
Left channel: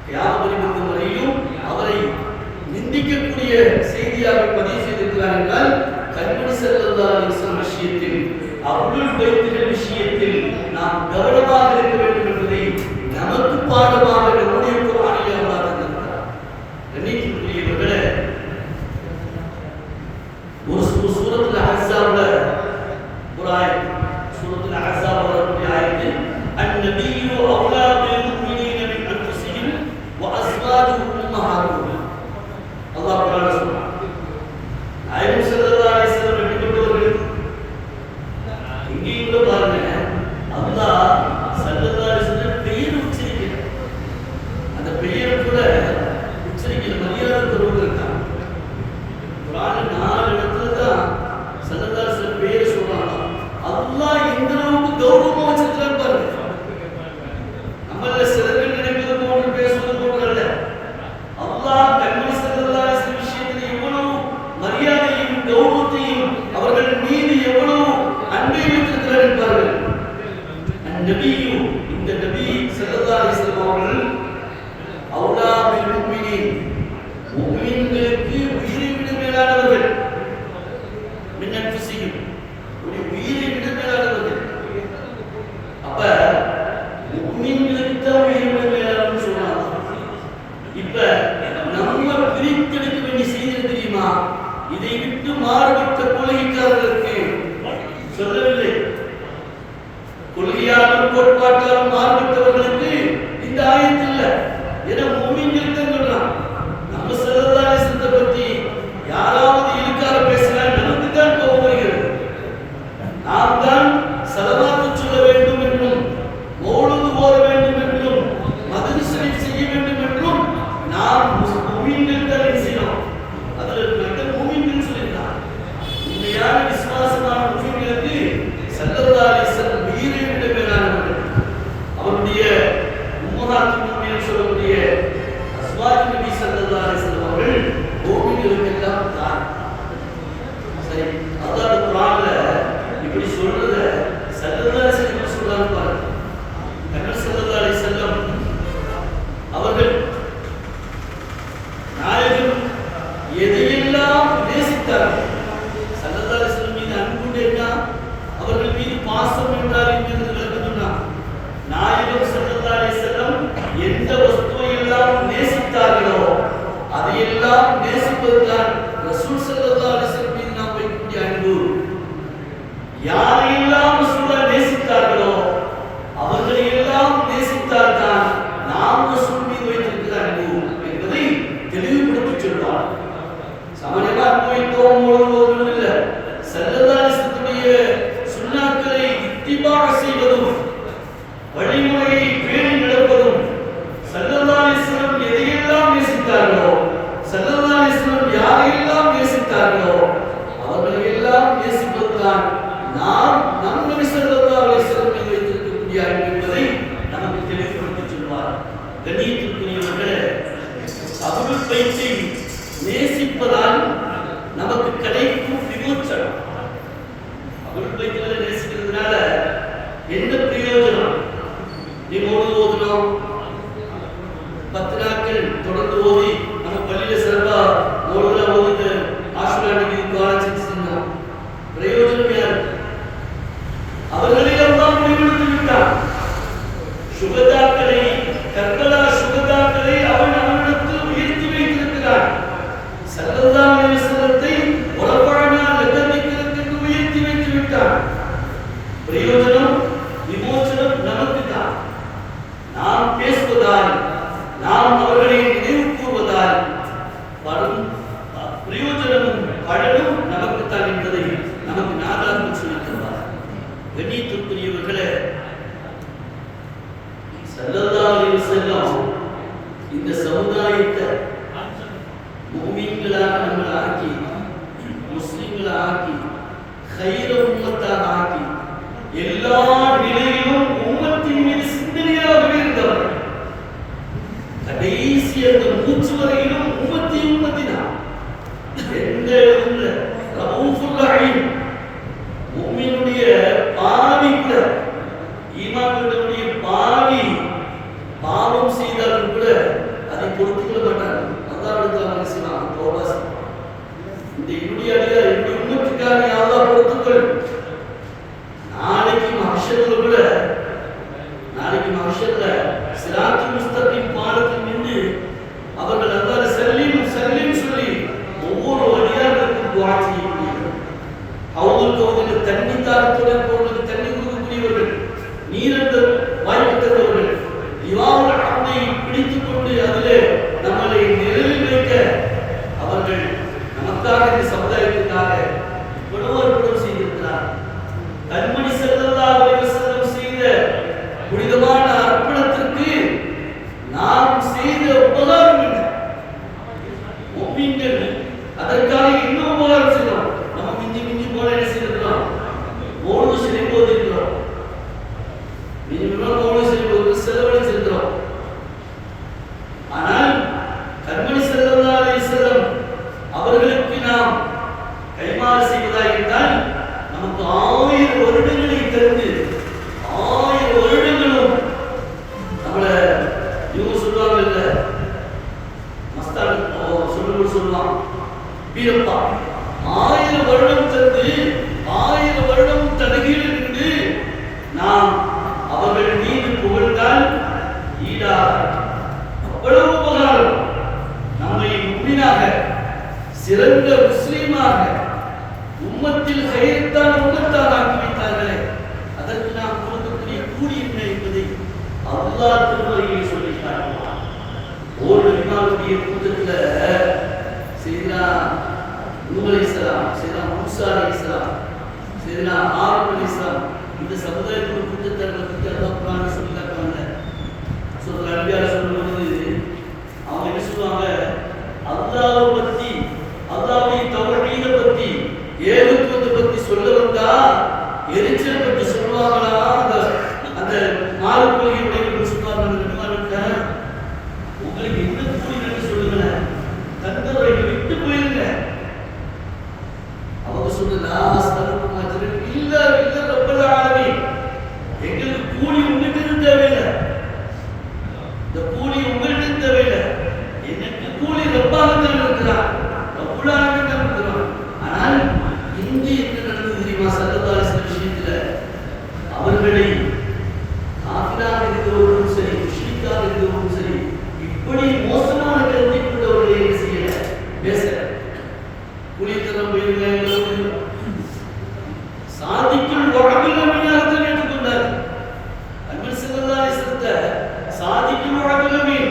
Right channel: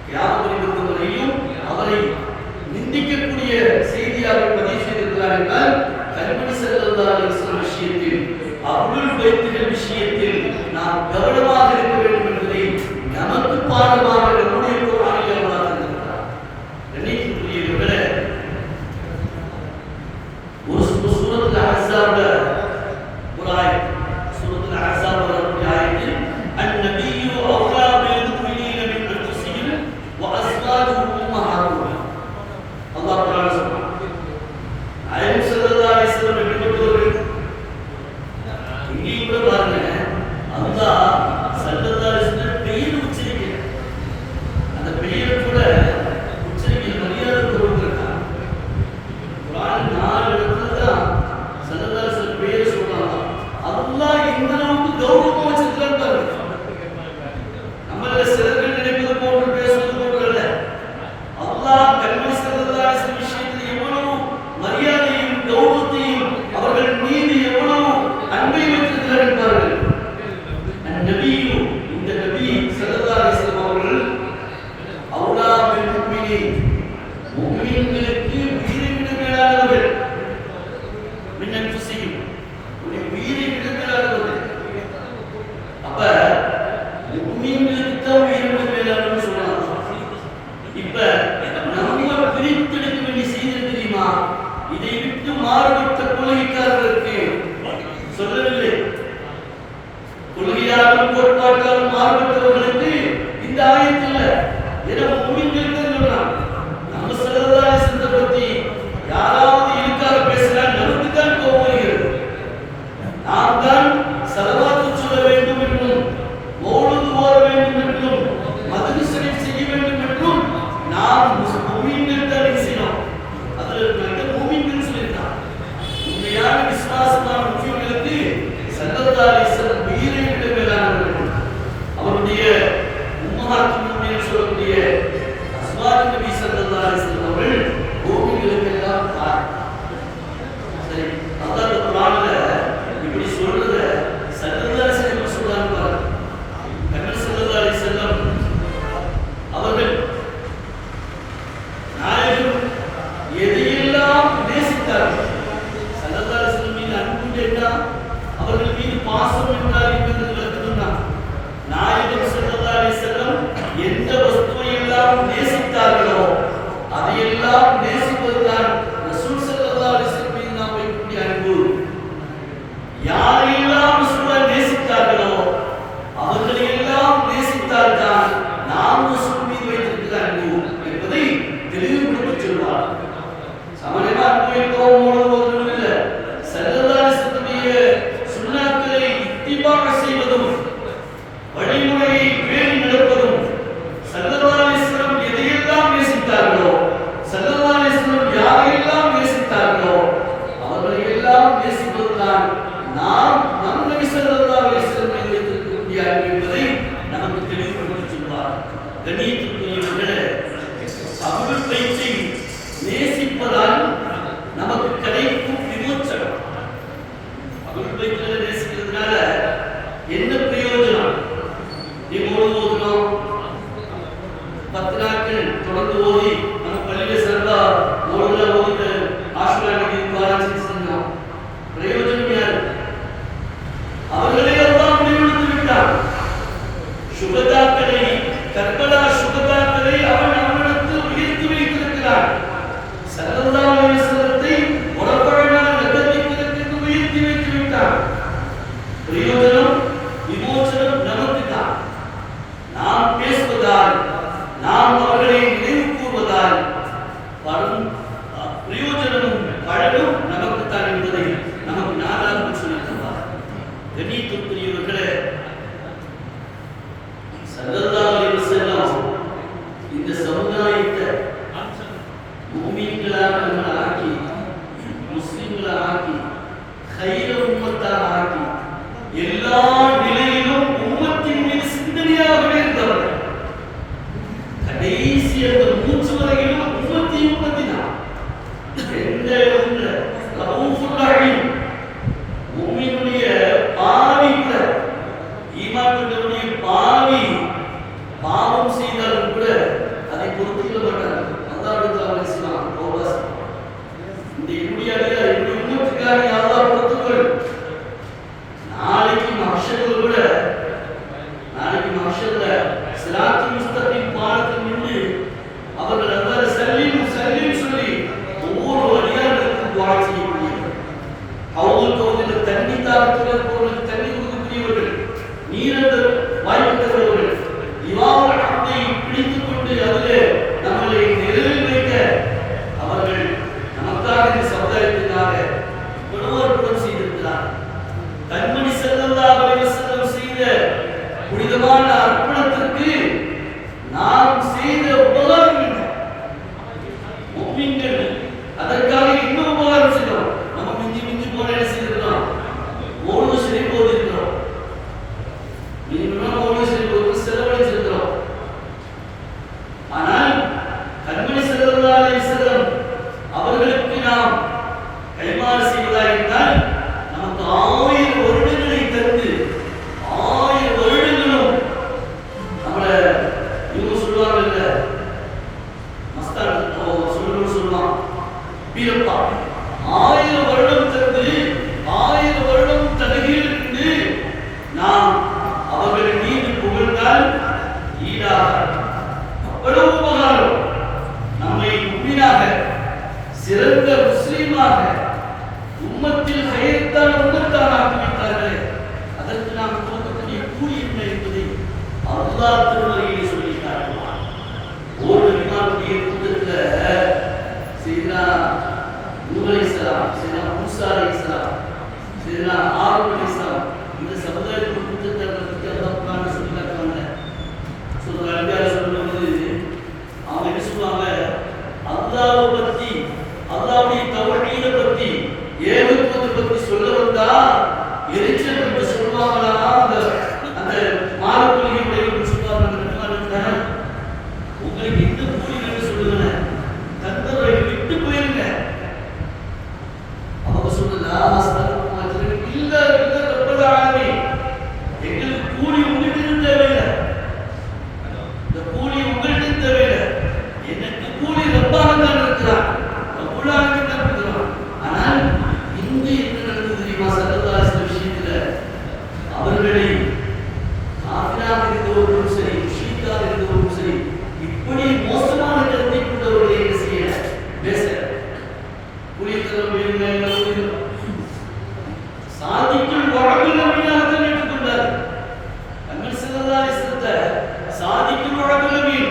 கியாமத் பர்வதம் வரையிலும் அவரை நிந்திக்கக்கூடிய செய்தியாக பதிவு செய்திருக்கிறார் என்றால், கண்மணி ஸல்லல்லாஹு அலைஹி வஸல்லம் விஷயத்தில், அஹ்லுல் பைத்துகள் விஷயத்தில் நாம் கவனமாக இருக்க வேண்டும் என்பதை நமக்கு பாடமாக நம்முடைய குர்ஆனில் அல்லாஹ் தந்திருக்கிறார். கண்ணியத்திற்குரியவர்களே, ஒரு சூரத்துல் அஹ்ஸாப்ல ஒரு ஆயத், சூரத்துல் அஹ்ஸாப் வரக்கூடிய ஆயத்தில் அன்-நபிய்யு அவ்லா பில் முஃமினீன மின் அன்ஃபுஸிஹிம் வ அஸ்வாஜுஹும் உம்மஹாத்துஹும். அல்லாஹ் குர்ஆன்ல சொல்றான், நாயகம் ஸல்லல்லாஹு அலைஹி வஸல்லம் எப்படிப்பட்டவர்கள்? இங்கே கூட பாருங்க, அல்லாஹ் ஸல்லல்லாஹு அலைஹி வஸல்லம் பெயர் உச்சரிக்கிறார். அந்த பெயர் கூட உச்சரிக்கிற மரியாதை கொடுத்திருக்காங்க. குர்ஆன் 4 இடத்துல தான் ஸல்லல்லாஹு அலைஹி வஸல்லம் பெயர் சொல்றாங்க. அல்லாஹ் எந்த அளவுக்கு கௌரவமா வச்சிருக்கான்னு பாருங்க. நம்மள சிலர்கள் நினைப்பது போன்று பேசுவது போன்று அல்ல. அல்லாஹ் கண்மணி ஸல்லல்லாஹு அலைஹி வஸல்லம் விஷயத்தில் எவ்வளவு மரியாதையும் கௌரவத்தையும் அவர்கள் மீது எவ்வளவு அன்பை வைத்திருக்கிறார் என்பார்கள். அந்நபியு, இந்த நபி ஸல்லல்லாஹு அலைஹி வஸல்லம் அவர்கள் அவ்லா பில் முஃமினீன், முஃமின்களுக்கு உயிரை விட மேலானவர்கள், மின் அன்ஃபுஸிஹிம், உயிரை விட மேலானவர்கள். அப்ப முஃமின்களுக்கு தான் உயிரை விட மேலானவர்கள் சொல்றாங்க. இப்ப நம்ம பிரித்தெடுக்க வேண்டிய செய்தி தெரியுமா? இதை விட்டு மாறுபட்ட கொள்கைக்காரர்களுக்கு சொல்லவில்லை. கொள்கையாலும் கோட்பாட்டாலும் மாறுபட்டவர்களுக்கு இந்த ஆயத்து இல்ல. ஏன்னா முஃமின்கள் தான் சொல்றான். நம்ம ஸல்லல்லாஹு அலைஹி வஸல்லம் பத்தி யாராவது இழுக்கார பேசினா நமக்கு தான் கோபம் வருகிறது. நாம் தான் ஸலவாத்து சொல்ல வேண்டும் என்றும், மௌலூது ஓத வேண்டும் என்றும், மத்ஹப் ஷரீஃப் செய்ய வேண்டும் என்றும் நாம் முஃமின்கள் தான் செய்யணும். அதில் நம்ம முஃமின்கள் சொல்லியிருக்கான். உண்மையான விசுவாசமான முஃமின்களுக்கு ஸல்லல்லாஹு அலைஹி வஸல்லம் உயிரை விட மேலானவர்கள். அவருடைய உம்மஹாத்துல் முஃமினீன் சொல்லக்கூடிய அஸ்வாஜ் நபி ஸல்லல்லாஹு அலைஹி வஸல்லம் அவர்கள் முஃமின்களுக்கெல்லாம் தாய். சரி, அல்லாஹ் குர்ஆன்ல இப்படி சொல்றத ஸல்லல்லாஹு அலைஹி வஸல்லம் சொல்றாங்க பாருங்க. கண்மணி ஸல்லல்லாஹு அலைஹி வஸல்லம் அவர்கள் நாயகம் எதையெல்லாம் நேசித்தார்கள். ஸல்லல்லாஹு அலைஹி வஸல்லம் மீது அன்பு என்ன, அவர்கள் மீது பாசம் என்றால் என்பது விளக்கம் சொன்னார். நாயகம் ஸல்லல்லாஹு அலைஹி வஸல்லம் எந்த வஸ்துவை எல்லாம் நேசித்தார்களோ அதையெல்லாம் நேசிப்பதுதான் ரசூல் ஸல்லல்லாஹு அலைஹி வஸல்லம் மீது நாம் வைக்கக்கூடிய அன்பு. கண்ணியத்திற்குரியவர்களே, ஸல்லல்லாஹு அலைஹி வஸல்லம் இந்த சமுதாயத்தை முஃமின்களாக நம்மளை ஆக்கி, முஸ்லிம்களை ஆக்கி, கைர உம்மத்தாக ஆக்கி, எல்லா நிலையிலும் உம்மத்தின் மீது சிந்தனையாகவே இருந்தவர். கடைசி அந்த மூச்சு வரையிலும் உம்மத்தி தான். எந்த உள்ள ரவுஃபுர் ரஹீம், முஃமினுடைய பாவிக்குள்ள ஈமானுடைய பாவி பாவம் செய்தாலும் கூட அதை பொறுத்துக்கொள்ள மாட்டாங்க. அல்லாஹ்விடத்தில் அவங்க செய்வாங்க, தௌபா. இந்த இந்தியாவில இந்த உம்மத்துக்காக அல்லாஹ் பொறுத்துக்கொள். நாளைக்கு மஹ்ஷர்ல சிராத்துல் முஸ்தகீம் பாலத்தில் நின்று அவர்கள் அல்லாஹ் சல்லீம் சொல்லி ஒவ்வொரு அடியார்களுக்கும் துஆ செய்யக்கூடியவர்கள், ஹவுதுல் கௌதில் தண்ணி தாகத்துடன் போறவர்களுக்கு தண்ணி கொடுக்கக்கூடியவர்கள், நீரந்த வாய்ப்பற்றவர்கள், இவாவுல் ஹம்தை பிடித்துக் கொண்டு அதிலே நம்மளை நிலையில் வைக்க அவர்கள் நமக்காக இந்த சமுதாயத்திற்காக இவ்வளவு அற்புதம் செய்திருக்கிறார். கண்மணி ஸல்லல்லாஹு அலைஹி வஸல்லம் செய்த புனிதமான அர்ப்பணத்திற்கு நாம் செய்த உபகாரம் என்ன? முஃமின்கள் அதற்காக இன்னும் உபகாரம் செய்கிறோம். நம்ம மிஞ்சி போன என்ன செய்திருக்கிறோம்? ஓடு சரி போதிருக்கிறோம், மிஞ்சி ஓடு சரி போது செலவழிச்சிருக்கிறோம். ஆனால் கண்மணி ஸல்லல்லாஹு அலைஹி வஸல்லம் அவர்களுக்கு நாம் கைமாறு செய்வதாக இருந்தால் நமக்கு 1000 வருடங்களை தந்து 1000 வருடங்களும் நம்மள இவங்க சொல்லுவாங்கல்ல, மஸ்தான் சொல்லுவான் வீரப்பா, 1000 வருடம் தந்து 1000 வருடம் தடுகையில் இருந்து நாம் அவர்கள் மீது புகழ்ந்தால் ஈடாக அவ்வளவு உபகாரம். நம்மை முஃமினாக, சிறந்த முஸ்லீமாக, உம்மத்தில் ஹைரத்தான உம்மத்தாக ஆக்கி வைத்தார்களே, அதற்கு நாம் கொடுக்கக்கூடிய கூலி என்ன என்பதை அல்லாஹ் திருமறையிலே சொல்லி காட்டுவார். ஓர் இமாமுடைய கூட்டத்தில் சையதுனா நூஹ் அலைஹிஸ்ஸலாம், சையதுனா மூஸா அலைஹிஸ்ஸலாம், சையதுனா ஆரூன் அலைஹிஸ்ஸலாம், இந்த சமுதாயத்தின் கூட்டத்தை பற்றி அல்லாஹ் குர்ஆனில் சொல்லி காட்டுவாங்க. சொல்ற அன்பியாரை சொல்லும்போது அவங்க என்ன சொல்லுவாங்க? அல்லாஹ்வை பற்றி, அல்லாஹ்வுடைய தௌஹீதை பற்றி, ஏகத்துவத்தை பற்றி சொல்ல வந்தா எரிச்சல் பற்றி சொல்லுவாங்களா? அந்த மாறு கொள்கை உடையவர்கள் சொல்லுவாங்க, உங்களுக்கு என்ன கூலி என்று சொல்லுங்க, தந்தவரை விட்டு போயிருங்க. அவங்க சொல்லுதா இல்ல ரப்பல் ஆலமீன், எங்களுக்கு கூலி உங்கள்கிட்ட தேவையில்லை, இந்த கூலி உங்கள்கிட்ட தேவையில்லை, எனக்கு கூலி ரப்பாகத்தான் இருக்கிறான், ரப்புல் ஆலமீன் தான் இருக்கிறான். ஆனால் இன்று என்ன நடந்தது தெரியுமா? ஸல்லல்லாஹு அலைஹி வஸல்லம் விஷயத்துல அவர்களை காஃபிராக இருந்தவர்களும் சரி, முஷ்ரிக்காக இருந்தவர்களும் சரி, இப்படி மோசமான கருத்தை கொண்டவர்களை என்ன செய்யல, பேச புலித்தனம் சாதிக்கும் வழக்கில் நம்பினாகத்தான் ஏற்றுக்கொண்டார். கண்மணி ஸல்லல்லாஹு அலைஹி வஸல்லம் சாதிக்கும் வழக்கில்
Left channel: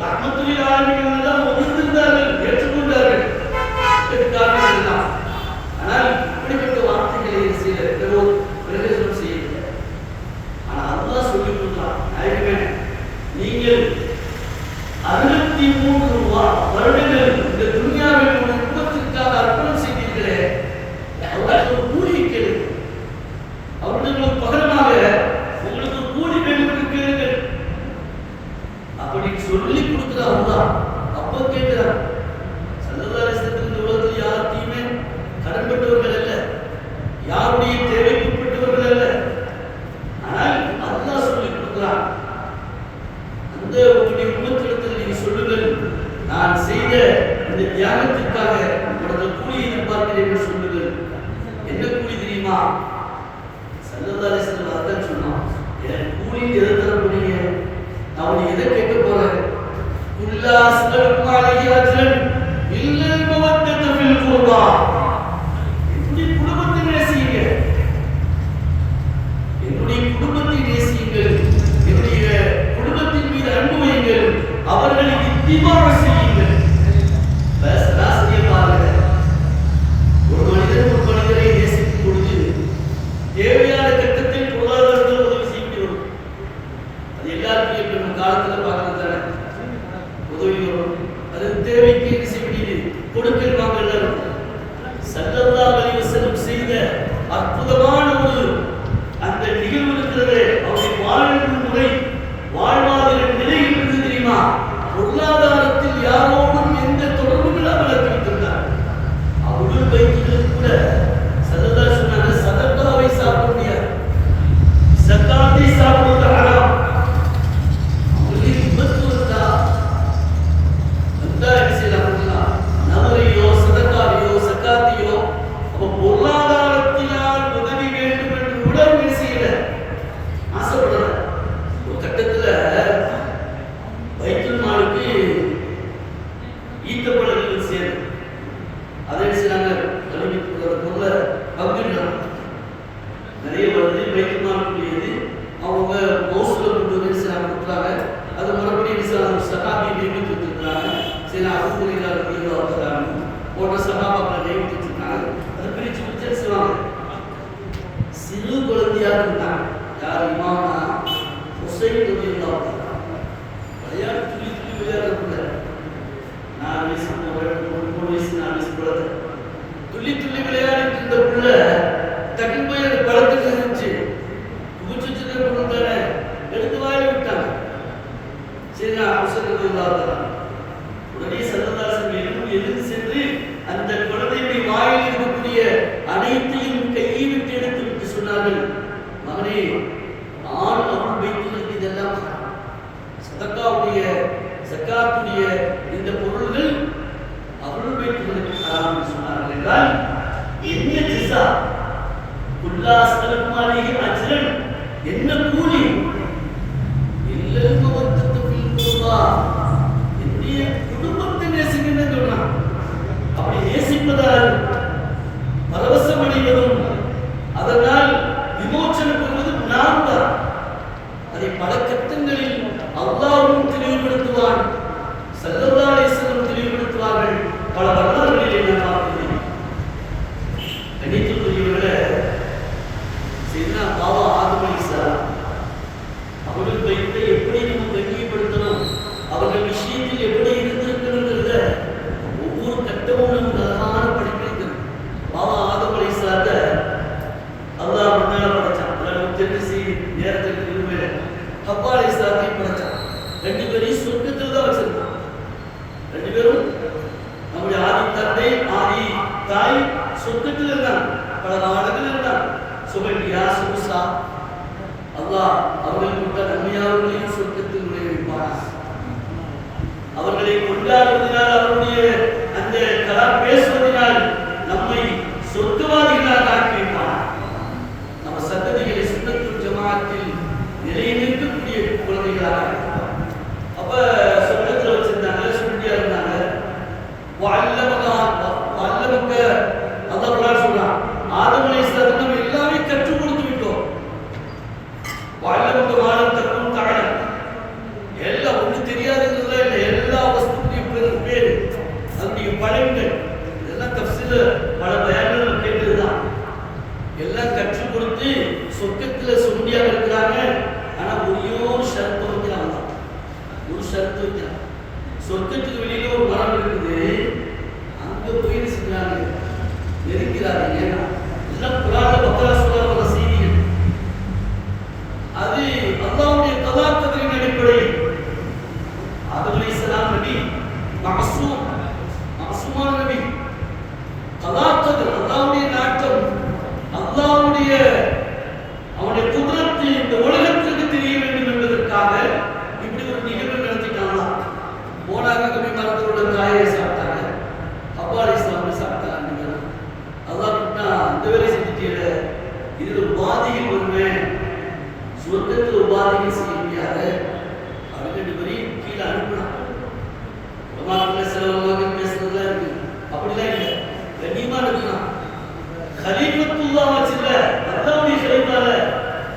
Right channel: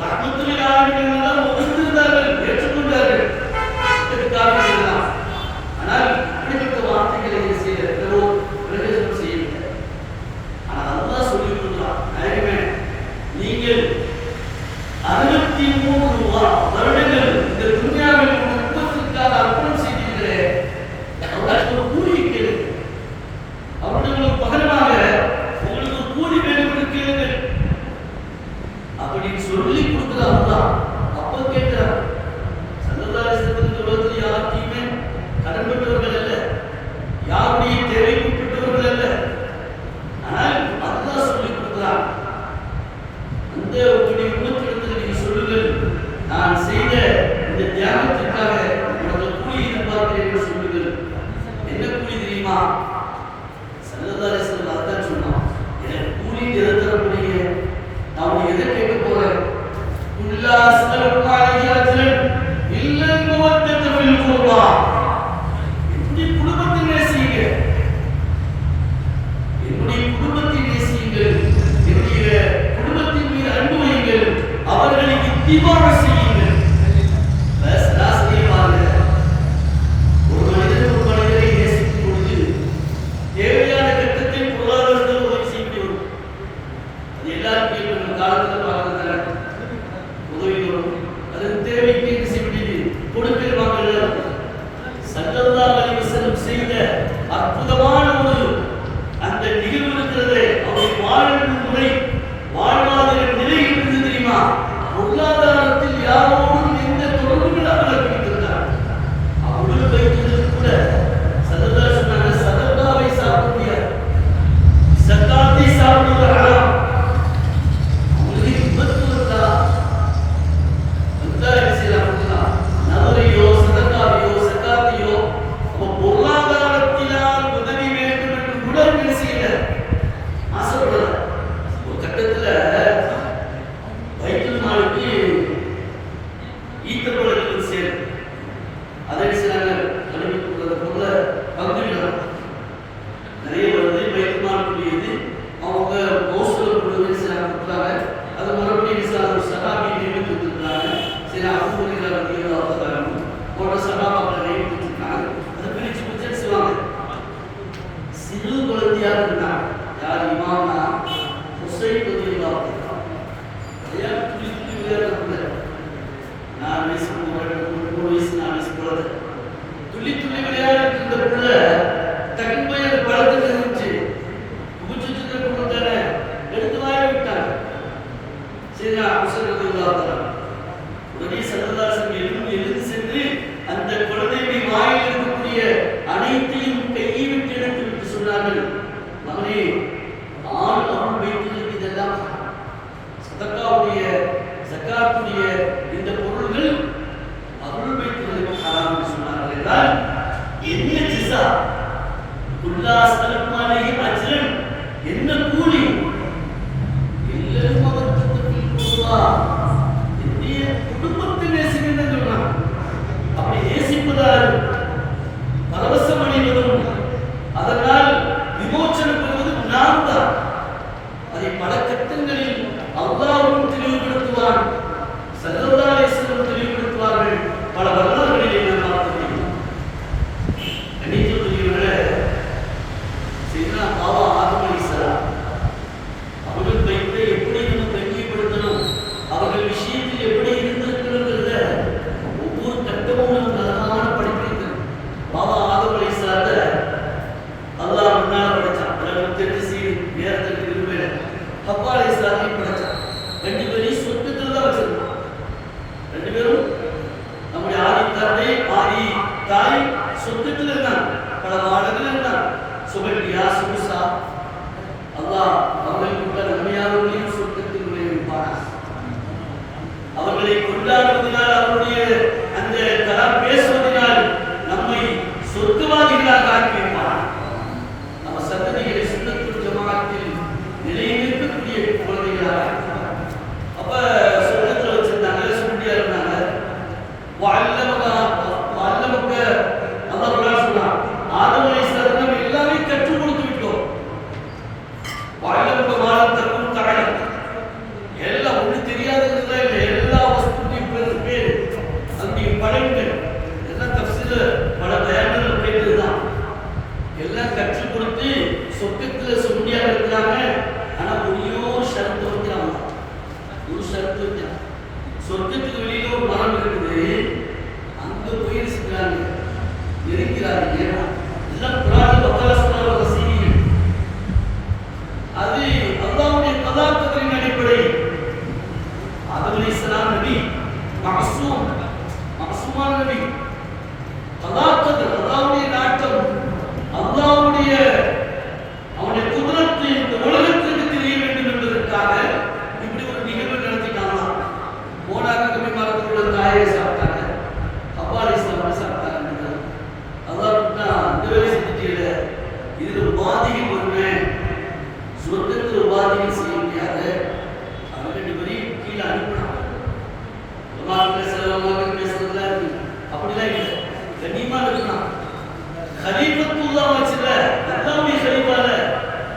ரஹ்மத்துல் ஆலமீன் தான் ஒதுக்கியிருந்தார்கள், ஏற்றுக்கொண்டார்கள். இதற்காக எல்லாம் ஆனால் இப்படிப்பட்ட வார்த்தைகளை செய்ய பிரயோஜனம் செய்யவில்லை. ஆனால் அல்லாஹ் சொல்லி கொடுக்கிறான், நாயகமே, நீங்கள் 63 வருடங்கள் இந்த துன்யாவில் உற்பத்திற்காக அர்ப்பணம் செய்தீர்களே, அவர்களுக்கு ஒரு கூலி கேளு, அவர்களுக்கு பகரமாக உங்களுக்கு ஒரு கூலி வேண்டும் என்று கேளுங்கள் அப்படின்னு சொல்லி கொடுக்கிறார் அல்லாஹ். அப்ப கேட்கிறார், ஸல்லல்லாஹு அலைஹி வஸல்லம் இந்த உலகத்தில் யாருக்குமே கடன்பட்டவர்கள் அல்ல, யாருடைய தேவைக்கு உட்பட்டவர்கள் அல்ல. ஆனால் அல்லாஹ் சொல்லி கொடுக்கிறார், அந்த உங்களுடைய உம்மத்திடத்தில் நீங்க சொல்லுங்கள், நான் செய்த இந்த தியாகத்திற்காக உங்களோட கூலி எதிர்பார்க்கிறேன் என்று சொல்லுங்கள். என்ன கூலி தெரியுமா? ஸல்லல்லாஹு அலைஹி வஸல்லம் அதான் சொன்னான், எனக்கு கூலி எதை தரப்படுங்க, நான் எதை கேட்க போறேன்? குல்லா அஸ்அலுக அலைஹி அஜ்ரன் இல்லல் மவத்தத ஃபில் குர்பா, என்னுடைய குடும்பத்தை நேசிங்க, என்னுடைய குடும்பத்தை நேசியுங்கள், என்னுடைய குடும்பத்தின் மீது அன்பு வையுங்கள், அவர்களை இத்திபா செய்யுங்கள். ஒரு மனிதரை நேசிக்கும் பொழுது தேவை ஸல்லல்லாஹு அலைஹி வஸல்லம் செய்த அற்புதமான ஒரு அந்த நிகழ்வு இருக்கிறது. அவருடைய வாழ்வு முறை, வாழ்வாதார நிலை எப்படி தெரியுமா? பொருளாதாரத்தில் யாரோடும் எந்த தொடர்பும் இல்லாமல் வைத்திருந்தார். அவருடைய பைத்துகளில் கூட ஸல்லல்லாஹு சொன்னாங்க, சதகாவை சாப்பிட முடியாது, ஸகாத்தை சாப்பிடுவது ஹராம். அவங்களுக்கு விபத்து வந்தா என்ன செய்யலாம்? நவரையோ சதகாவையோ ஸகாத்தையோ அப்ப பொருளாதாரத்தினால் உதவி வேண்டும் என்று கூட என்ன செய்யல, ஆசைப்படல. ஒரு கட்டத்துல பைத்துல் மாலுக்கு ஈத்தப்பழங்கள் சேரும். அதை செய்யறாங்க, கல்வி பொருளை பங்கிடணும். நிறைய வருது பைத்துல் மாலுக்குரியது. அவங்க மோசல கொண்டு வந்து செய்யறாங்க, கொடுக்குறாங்க. அது மறுபடியும் சகாபி நியமித்து வச்சிருக்காங்க. சரி, அபூஹுரைரா ரலியல்லாஹு அன்ஹு போன்ற சகாபாக்களை நியமித்து வச்சிருக்காங்க. அதை பிரிச்சு பிரிச்சு செய்வாங்க. சிறு குழந்தையாக இருந்தாங்க. யார்? இமாம்னா ஹுசைன் ரலியல்லாஹு அன்ஹு. விளையாட்டு துளி துளி விளையாடுறதுல 4 வயசு 3 வயசு 4 வயசு குழந்தை துள்ளி துள்ளி விளையாடிட்டு இருந்த புள்ள டக்குன்னு போய் அந்த பழத்துக்கு இருந்துச்சு. குடிச்சுட்டு தானே எடுத்து வாயில விட்டாங்க. சரி, ஹுசைன் ரலியல்லாஹு அன்ஹு உடனே ஸல்லல்லாஹு அலைஹி வஸல்லம் எழுந்து சென்று அந்த குழந்தையுடைய வாயில் இருக்கக்கூடிய அனைத்தையும் கையை விட்டு எடுத்து விட்டு சொன்னார்கள், மகனே, ஆண் அருள் வைத்துள்ளது இதெல்லாம் சதகாவுடைய ஸகாத்துடைய இந்த பொருள்கள் அருள் வைத்துள்ளதுக்கு ஹராம் என்று சொன்னார்கள். என்றால் என்ன ஜஸா? குல்லா ஸலமானஹி அஜ்ரன், என்ன கூலி? இல்லல் மவத்தத்து ஃபில் குர்பா, என்னுடைய குடும்பத்தை நேசிக்கணும்னு சொன்னாங்க. அப்படி நேசிப்பதால் பரவசம் அடைவதும் அதனால் விமோசனம் பெறுவதும் நான் தான். அதை பல கட்டங்களில் அல்லாஹ்வும் தெளிவுபடுத்துவான், ஸல்லல்லாஹு அலைஹி வஸல்லம் தெளிவுபடுத்துவார்கள். பல வரலாறுகளிலே நாம் பார்க்கிறோம். கணிதத்துறையோட செய்தா பாவா ஆதம் அலைஹிஸ்ஸலாம் அவர்கள் வைத்து எப்படி நம்ம கண்ணியப்படுத்தணும், அவர்கள் விஷயத்தில் எப்படி இருந்திருக்கணுங்கிறத ஒவ்வொரு கட்டமும் நமக்கு அழகான படிக்கிறது. பாபா ஆதம் அலைஹிஸ்ஸலாத்தை அல்லாஹ் முன்னால படைச்சான். அவர்களுக்கு தெரிஞ்ச செய்தி நேரத்திற்கு விரும்பல. ஹவ்வா அலைஹிஸ்ஸலாத்தையும் படைச்சான். 2 பேரையும் சொர்க்கத்தில் தான் வச்சிருந்தான். 2 பேரும் நம்முடைய ஆதி தந்தை ஆதி தாய் சொர்க்கத்தில் இருந்தாங்க. பல நாடுகள் இருந்தாங்க. சுபல்யா சுபுசா அல்லாஹ் அவர்கள் கொண்ட நன்மையாளர்களையும் சொர்க்கத்தில் நுழைவிப்பார். அவர்களை கொண்டாடுவதனால், அவருடைய அந்த கலாம் பேசுவதனால் நம்மை சொர்க்கவாதிகளாக ஆக்கி வைப்பார். நம்ம சந்ததிகளை சுன்னத்துல் ஜமாஅத்தில் நிலைநிறுத்தக்கூடிய குழந்தைகளாக. அப்ப சொர்க்கத்தில் வச்சிருந்தாங்க, சுண்டியா இருந்தாங்க. வல்லமக்க அல்லாஹ் குர்ஆன் சொல்றான், ஆதம் அலைஹிஸ்ஸலாத்துக்கு நம்ம எல்லாமே கற்றுக் கொடுத்து விட்டோம். வல்லமக்க மாலத்தக்கும் தஅலம், எல்லாம் ஒண்ணு தெரியாததுல இல்ல, எல்லா வஸ்துக்களையும் பேரு அதனுடைய பலன்கள் எல்லாம் தஃசீர்ல பல பயான்கள் கேட்டதுதான். எல்லாம் கற்றுக் கொடுத்து சொர்க்கத்துல சொண்டியாக இருக்கிறாங்க. ஆனா ஒரு ஷரத்து வைக்கிறாங்க. ஒரு ஷரத்து வைக்கிறாங்க. சொர்க்கத்துக்கு வெளியில ஒரு மரம் இருக்குது, அங்க போய் செஞ்சாங்க, நெருங்கிறாங்க. எல்லாம் குர்ஆன்ல பக்கத்துல சொல்ற செய்திகள். அது அல்லாஹ்வுடைய கதா கதரின் அடிப்படையில். ஆதம் அலைஹிஸ்ஸலாம் நபி மாசூமான நபி. கதா கதர் அல்லாஹ்வுடைய நாட்டம், அல்லாஹ்வுடைய அவனுடைய குதிரத்து இந்த உலகத்திற்கு தெரிய வேண்டும் என்பதற்காக இப்படி ஒரு நிகழ்வு நடத்திட்டாங்க. போனாங்க, கபி மரத்தோட காயை சாப்பிட்டாங்க, ஹவ்வா அலைஹிஸ்ஸலாம் சாப்பிட்டாங்க. அல்லாஹ் இந்த வேலை செஞ்சுட்டீங்க, இதுல பாதிகள் வருமே, சொர்க்கத்தில் ஒரு பாதிகள் செய்ய முடியாது. அவங்க 2 பேரையும் கீழே அனுப்பினாங்க. பேசுறதுலாம் இருக்கு, அப்படிலாம் இல்லை, கண்ணியமா இருக்கலாம். கலீஃபத்துல்லாஹ் வச்சுல அல்லாஹ்வுடைய கலீஃபால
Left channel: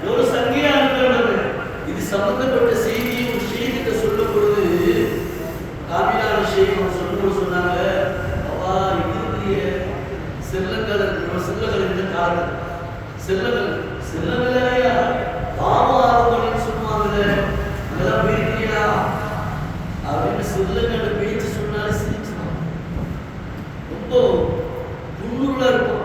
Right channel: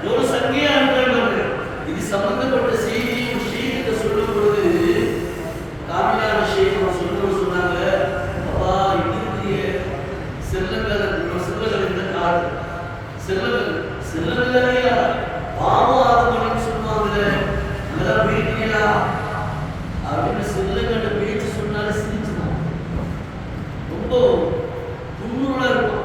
ஒரு சங்கையா அனுப்பினாங்க. இது சம்பந்தப்பட்ட செய்தியை ஒரு ஷேகிட்ட சொல்லும் பொழுது காமிலான ஷேக் சொன்னாங்க, அப்பா இது செல்லங்கள் இந்த காலத்தில் செல்லங்களையா பாபா ஆதம் சொல்லுவாங்கல்ல, அதெல்லாம் இருக்கீங்களா அப்படின்னு செல்லங்கள்ட பேச்சு சொன்னாலே சிரிச்சுதான். ரொம்ப துண்ணுருளா இருக்கும்.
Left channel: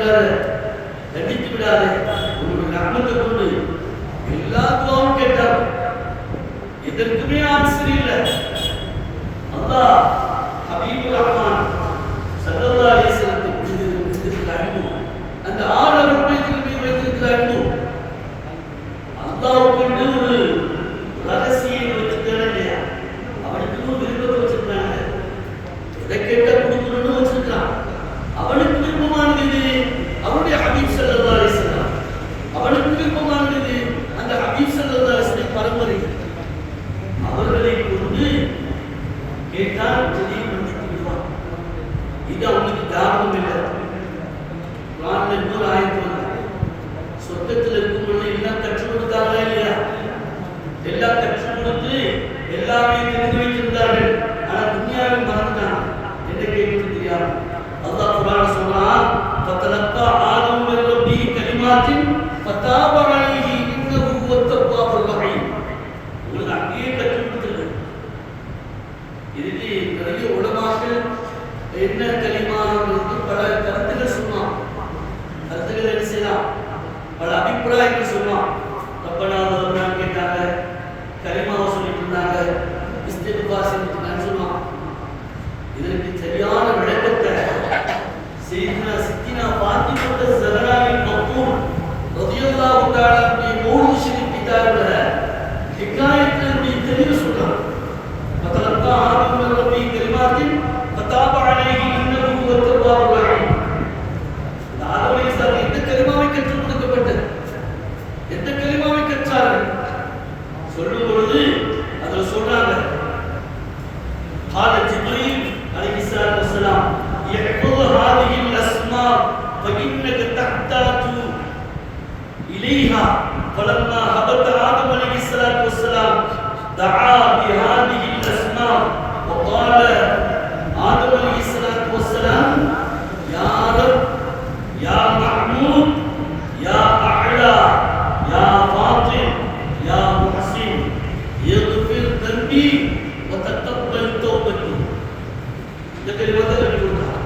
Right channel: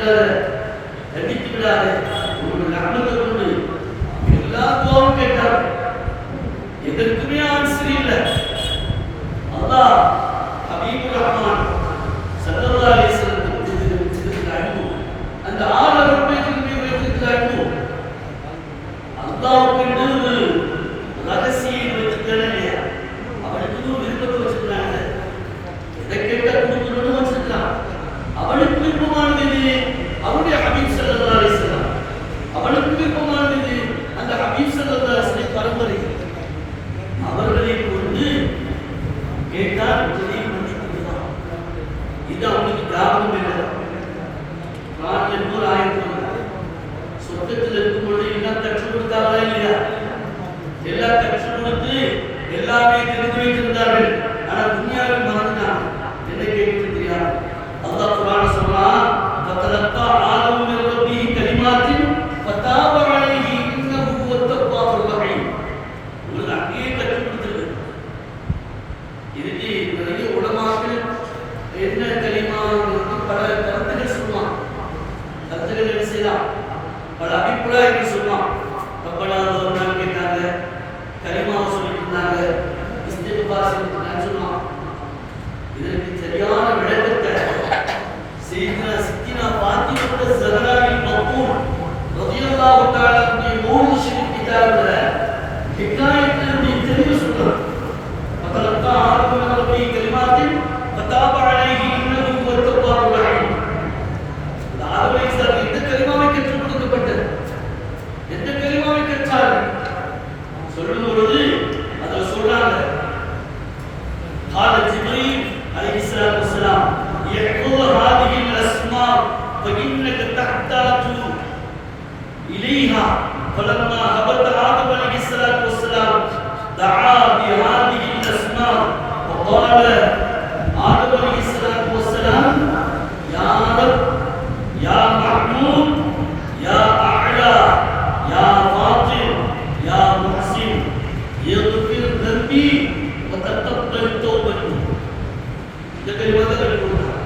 செஞ்சிடாத, தண்டித்து விடாத, உங்களுடைய ரஹ்மத்தை கொண்டு எல்லா துவாவும் கேட்டார். எதற்குமே ஆன்சர் இல்லை. அல்லாஹ் ஹபீபுர் ரஹ்மான் ஸல்லல்லாஹு அலைஹி வஸல்லம் கொடுத்திருக்கிற அன்பு, அந்த ஆலர் மீது வைத்திருக்கிற அன்பு, அல்லாஹ்வுக்கு ஒரு ரகசியம் வச்சிருக்கானே, அவனுக்கு ஒரு விருப்பத்தை வச்சிருக்காங்க. எதை கேட்டா கொடுக்கணும்னு வச்சிருக்கான். அவனுக்கு விருப்பமானது இது அவருடைய ஹபீப் ஸல்லல்லாஹு அலைஹி வஸல்லம். அவனுக்கு விருப்பமானது இது அந்த ஹபீப் ஸல்லல்லாஹு அலைஹி வஸல்லம் பரம்பரை. அவர்களை கொண்டு கேட்டால் உதவி மன்னித்து விடுவான். இது அவனுக்கு தாபம் இல்லை. குர்ஆன்ல இன்னொரு ஆயத்து வந்தது. சொர்க்கத்தில் இருக்கும் பொழுது எல்லாம் கற்றுக் கொடுத்தாங்களா இல்லையா? எல்லாம் கற்றுக் கொடுத்து எல்லாமே தெரிந்து வைத்திருந்தார்கள். ஆனா துன்யாவில் மறந்துட்டாங்க. என்ன கேட்கிறது தெரியாது. அல்லாஹ் குர்ஆன் சொல்றான், ஃபதலக்கா ஆதம் மின் ரப்பிஹி கலிமாத்தின் ஃபதாப அலைஹி இன்னஹு ஹுவத் தவ்வாபுர் ரஹீம். உங்களுக்கு அப்படியே கற்றுக் கொடுத்துருக்கு. இதுக்கு நிறைய உலமாக்கள் என்ன கலிமாவுக்கு பல கருத்துக்கள் சொல்லுவாங்க. கருத்துக்கள் என்ன செய்யலாம், பல அபிப்பிராயங்கள் சொல்லுவான். ரப்பனா வருமானு கேட்டாங்க, கலிமாவை சொல்லிட்டு இருந்தாங்க, இஸ்திக்ஃபார் சொல்லிட்டு இருந்தாங்கன்னு சொல்லுவான். இதற்கு சரியான விளக்கத்தை செய்தினா சித்தினா ஃபாத்திமா ஸஹராவில் மக்பூல் ரலியல்லாஹு தஆலா அன்ஹு மௌலித் ஷரீஃப் கிதாபுல ஹிகாயத்துடைய தெளிவு சொல்றாங்க. ஃபதலக்கா ஆதம் மின் ரப்பிஹி கலிமாத்தின் ஃபதாப அலைஹி இன்னஹு ஹுவத் தவ்வாபுர் ரஹீம். ஆதம் அலைஹிஸ்ஸலாம் எந்த கலிமாவை கற்றுக் கொடுக்கப்பட்டது, எந்த கலிமாவை கற்றார்கள் சொல்லும் பொழுது அதில் சொல்றாங்க, قال جبريل عليه الصلاه والسلام يحفظ هذه الاسماء فانك تحتاج اليها. فلما هبط آدم عليه الصلاه والسلام دعا بهذه الاسماء وقال آدم عليه الصلاه والسلام يا رب يا محمود يا أعلى يا فاطر يا محسن يغفر ذنبي وتقبل توبتي. இந்த கலிமாவை கற்றுக் கொடுத்தாங்க.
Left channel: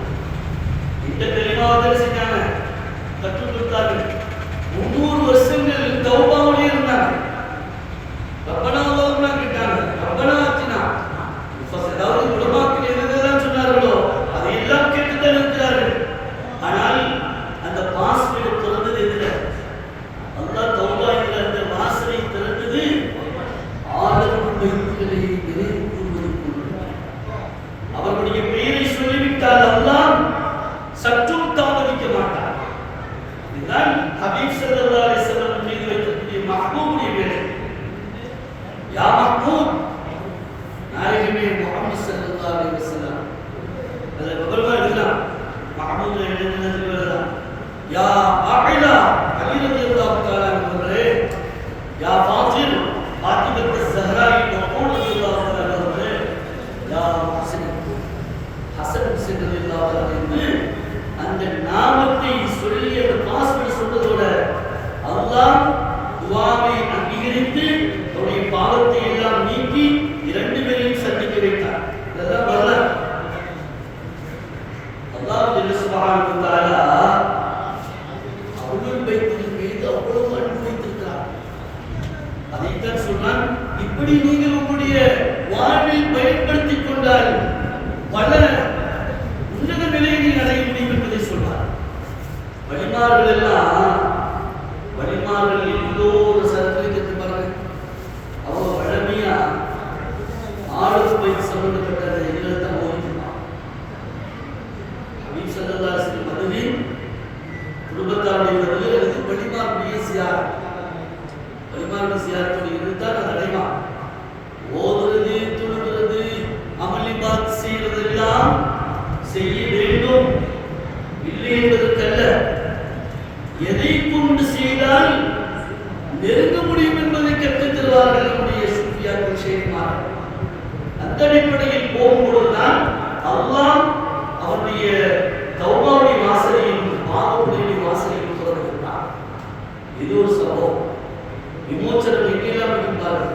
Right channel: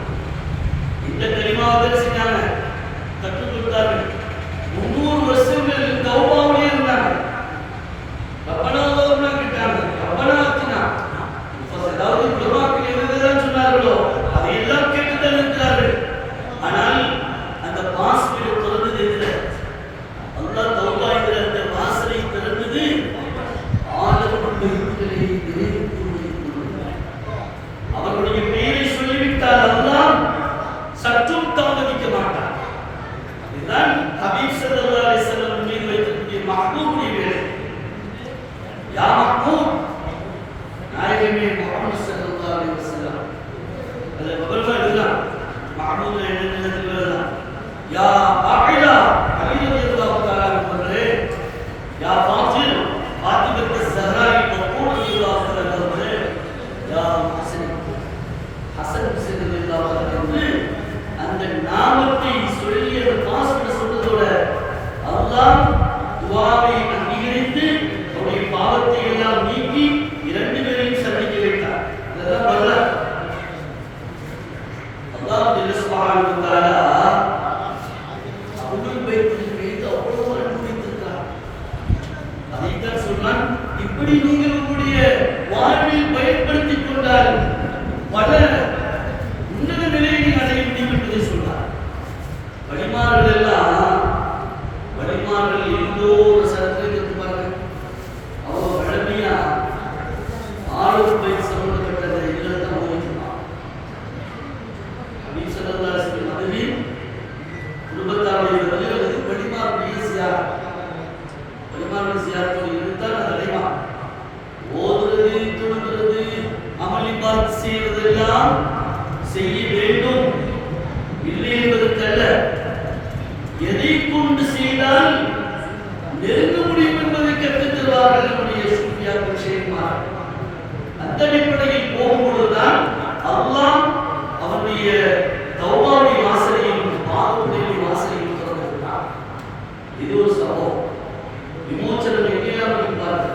இந்த கலிமாவை செஞ்சாங்க, கற்றுக் கொடுத்தார்கள். 300 வருஷங்கள் தௌபாவுடைய இருந்தாங்க. ரப்பனா அல்லாஹ்னா கேட்டாங்க, ரப்பனா ஆத்தினா. அதாவது உலமாக்கள் எதுதான் சொன்னார்களோ அதையெல்லாம் கேட்டுத்தான் இருக்கிறார்கள். ஆனால் அந்த வாசலை திறந்தது எதிர அல்லாஹ் தௌபா என்கிற அந்த வாசலை திறந்தது ஆதம் பைத்துகளை நினைவு கூர்வதற்கு. அவர்களுடைய பெயரை சொல்லிவிட்டால் அல்லாஹ் சற்றும் தாமதிக்க மாட்டார். இதுதான் ஹபீப் ஸல்லல்லாஹு அலைஹி வஸல்லம் மீது வைக்கக்கூடிய மஹ்பூபுடைய வேலை. யா மஹ்பூப், நாயகமே முஹம்மது ஸல்லல்லாஹு அலைஹி வஸல்லம். அதில் விவரமா எழுதலாம். மஹ்பூப் என்னன்னு எழுதலாம். யா அஅலா அலி ரலியல்லாஹு தஆலா அவர்களே, யா ஃபாத்திர் ஃபாத்திமா ஸஹராவில் மக்பூல் ரலியல்லாஹு தஆலா அவர்களே, யா ஹுசைன் ஹசன் ஹுசைன் ரலியல்லாஹு தஆலா என்று அந்த நாமத்தை சொல்லி அந்த வாசனை சொன்னதோட அல்லாஹ் துஆவை அங்கீகரித்து அவருடைய பாவத்தை எல்லாம் நீக்கி இரண்டு பேரையும் சந்திக்க வைத்தார். இதெல்லாம் வரலாறு. அல்லாஹ் ஜல்ல சுப்ஹானஹு வ தஆலா அஹ்லுல் பைத்தின் மீது அவ்வளவு அன்பு வைத்திருக்கிறார். அதைத்தான் சொல்றான், இப்படி நீங்கள் உங்களுடைய வாழ்வில் பயன்படுத்திக் கொண்டால் பல உன்னத நிலையை அடைய முடியும் என்பதை சொல்றார். வலிமார்கள் எல்லாம் வலிமார்கள் எல்லோரும் சரித்திரத்தை பாருங்க. அவங்க வழமையா ஆளுக்கு பயிர் சம்பந்தப்பட்டதை எல்லாம் ஓதிக்கலாம். ஹபீப் ஸல்லல்லாஹு அலைஹி வஸல்லம் அதுவின் குடும்பத்தாருடைய அல்லது வலிமாருடைய சியார், வலிமாருடைய சியாரத்துடைய இருந்தால் அது அடைவான். ஓதுறது, தொழுகிறது, அமளிபாத் செய்வதெல்லாம் செய்ய வேண்டும் இல்லை என்பதற்கல்ல, எதை கொண்டு செய்தால் நெருங்க முடியும் என்பதை கற்றுத் தருவார்கள் நம்முடைய சூஃபியாக்கள் ஷேக்மார்கள். அந்த அடிப்படையில் போகும்பொழுதுதான் அல்லாஹ் அவனுடைய தௌபாவுடைய வாசலையும் பாவங்களுடைய வாசலையும் திறந்திருக்கிறான். இது ஒரு சம்பவம். விமோச்சனம் எங்கெல்லாம் இருப்பார்கள்.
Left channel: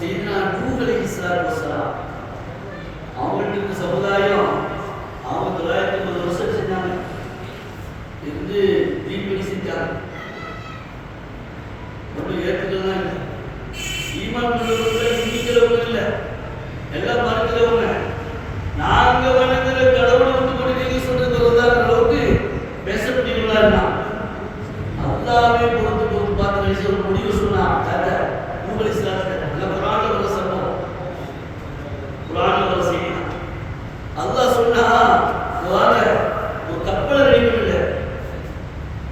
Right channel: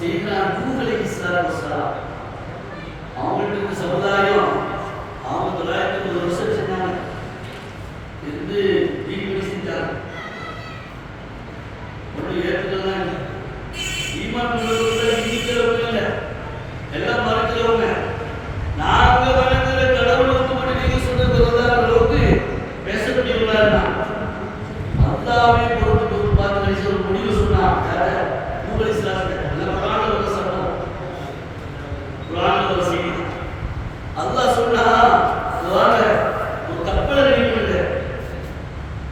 செய்தனா நூஹ் அலைஹிஸ்ஸலாத்து வஸ்ஸலாம் அவங்கள்ட்ட இருந்த சமுதாயம் அவங்க 950 வருஷம் சொன்னாங்க. இருந்து செஞ்சாங்க. ஒன்றும் ஏற்றுக்கலாம் இல்லை. ஈமான் கொண்டவங்க இன்னிக்கிறவங்க இல்லை, எல்லாம் மறக்கிறவங்க. நாங்க வணங்குற கடவுளை விட்டு கொண்டு நீங்க சொல்றது வருவதாங்கிற அளவுக்கு பேசக்கூடியவங்களா இருந்தான். அல்லாவே பொறுத்து பார்த்து ஒரு முடிவு சொன்னான். உங்கள் இஸ்லாத்துல எல்லாம் குரான்ல வர சம்பவம், குரான்ல வர செய்தி. அல்லாஹ் சொன்னா வாங்க ஒரு கப்பலை ரெடி பண்ணுங்க,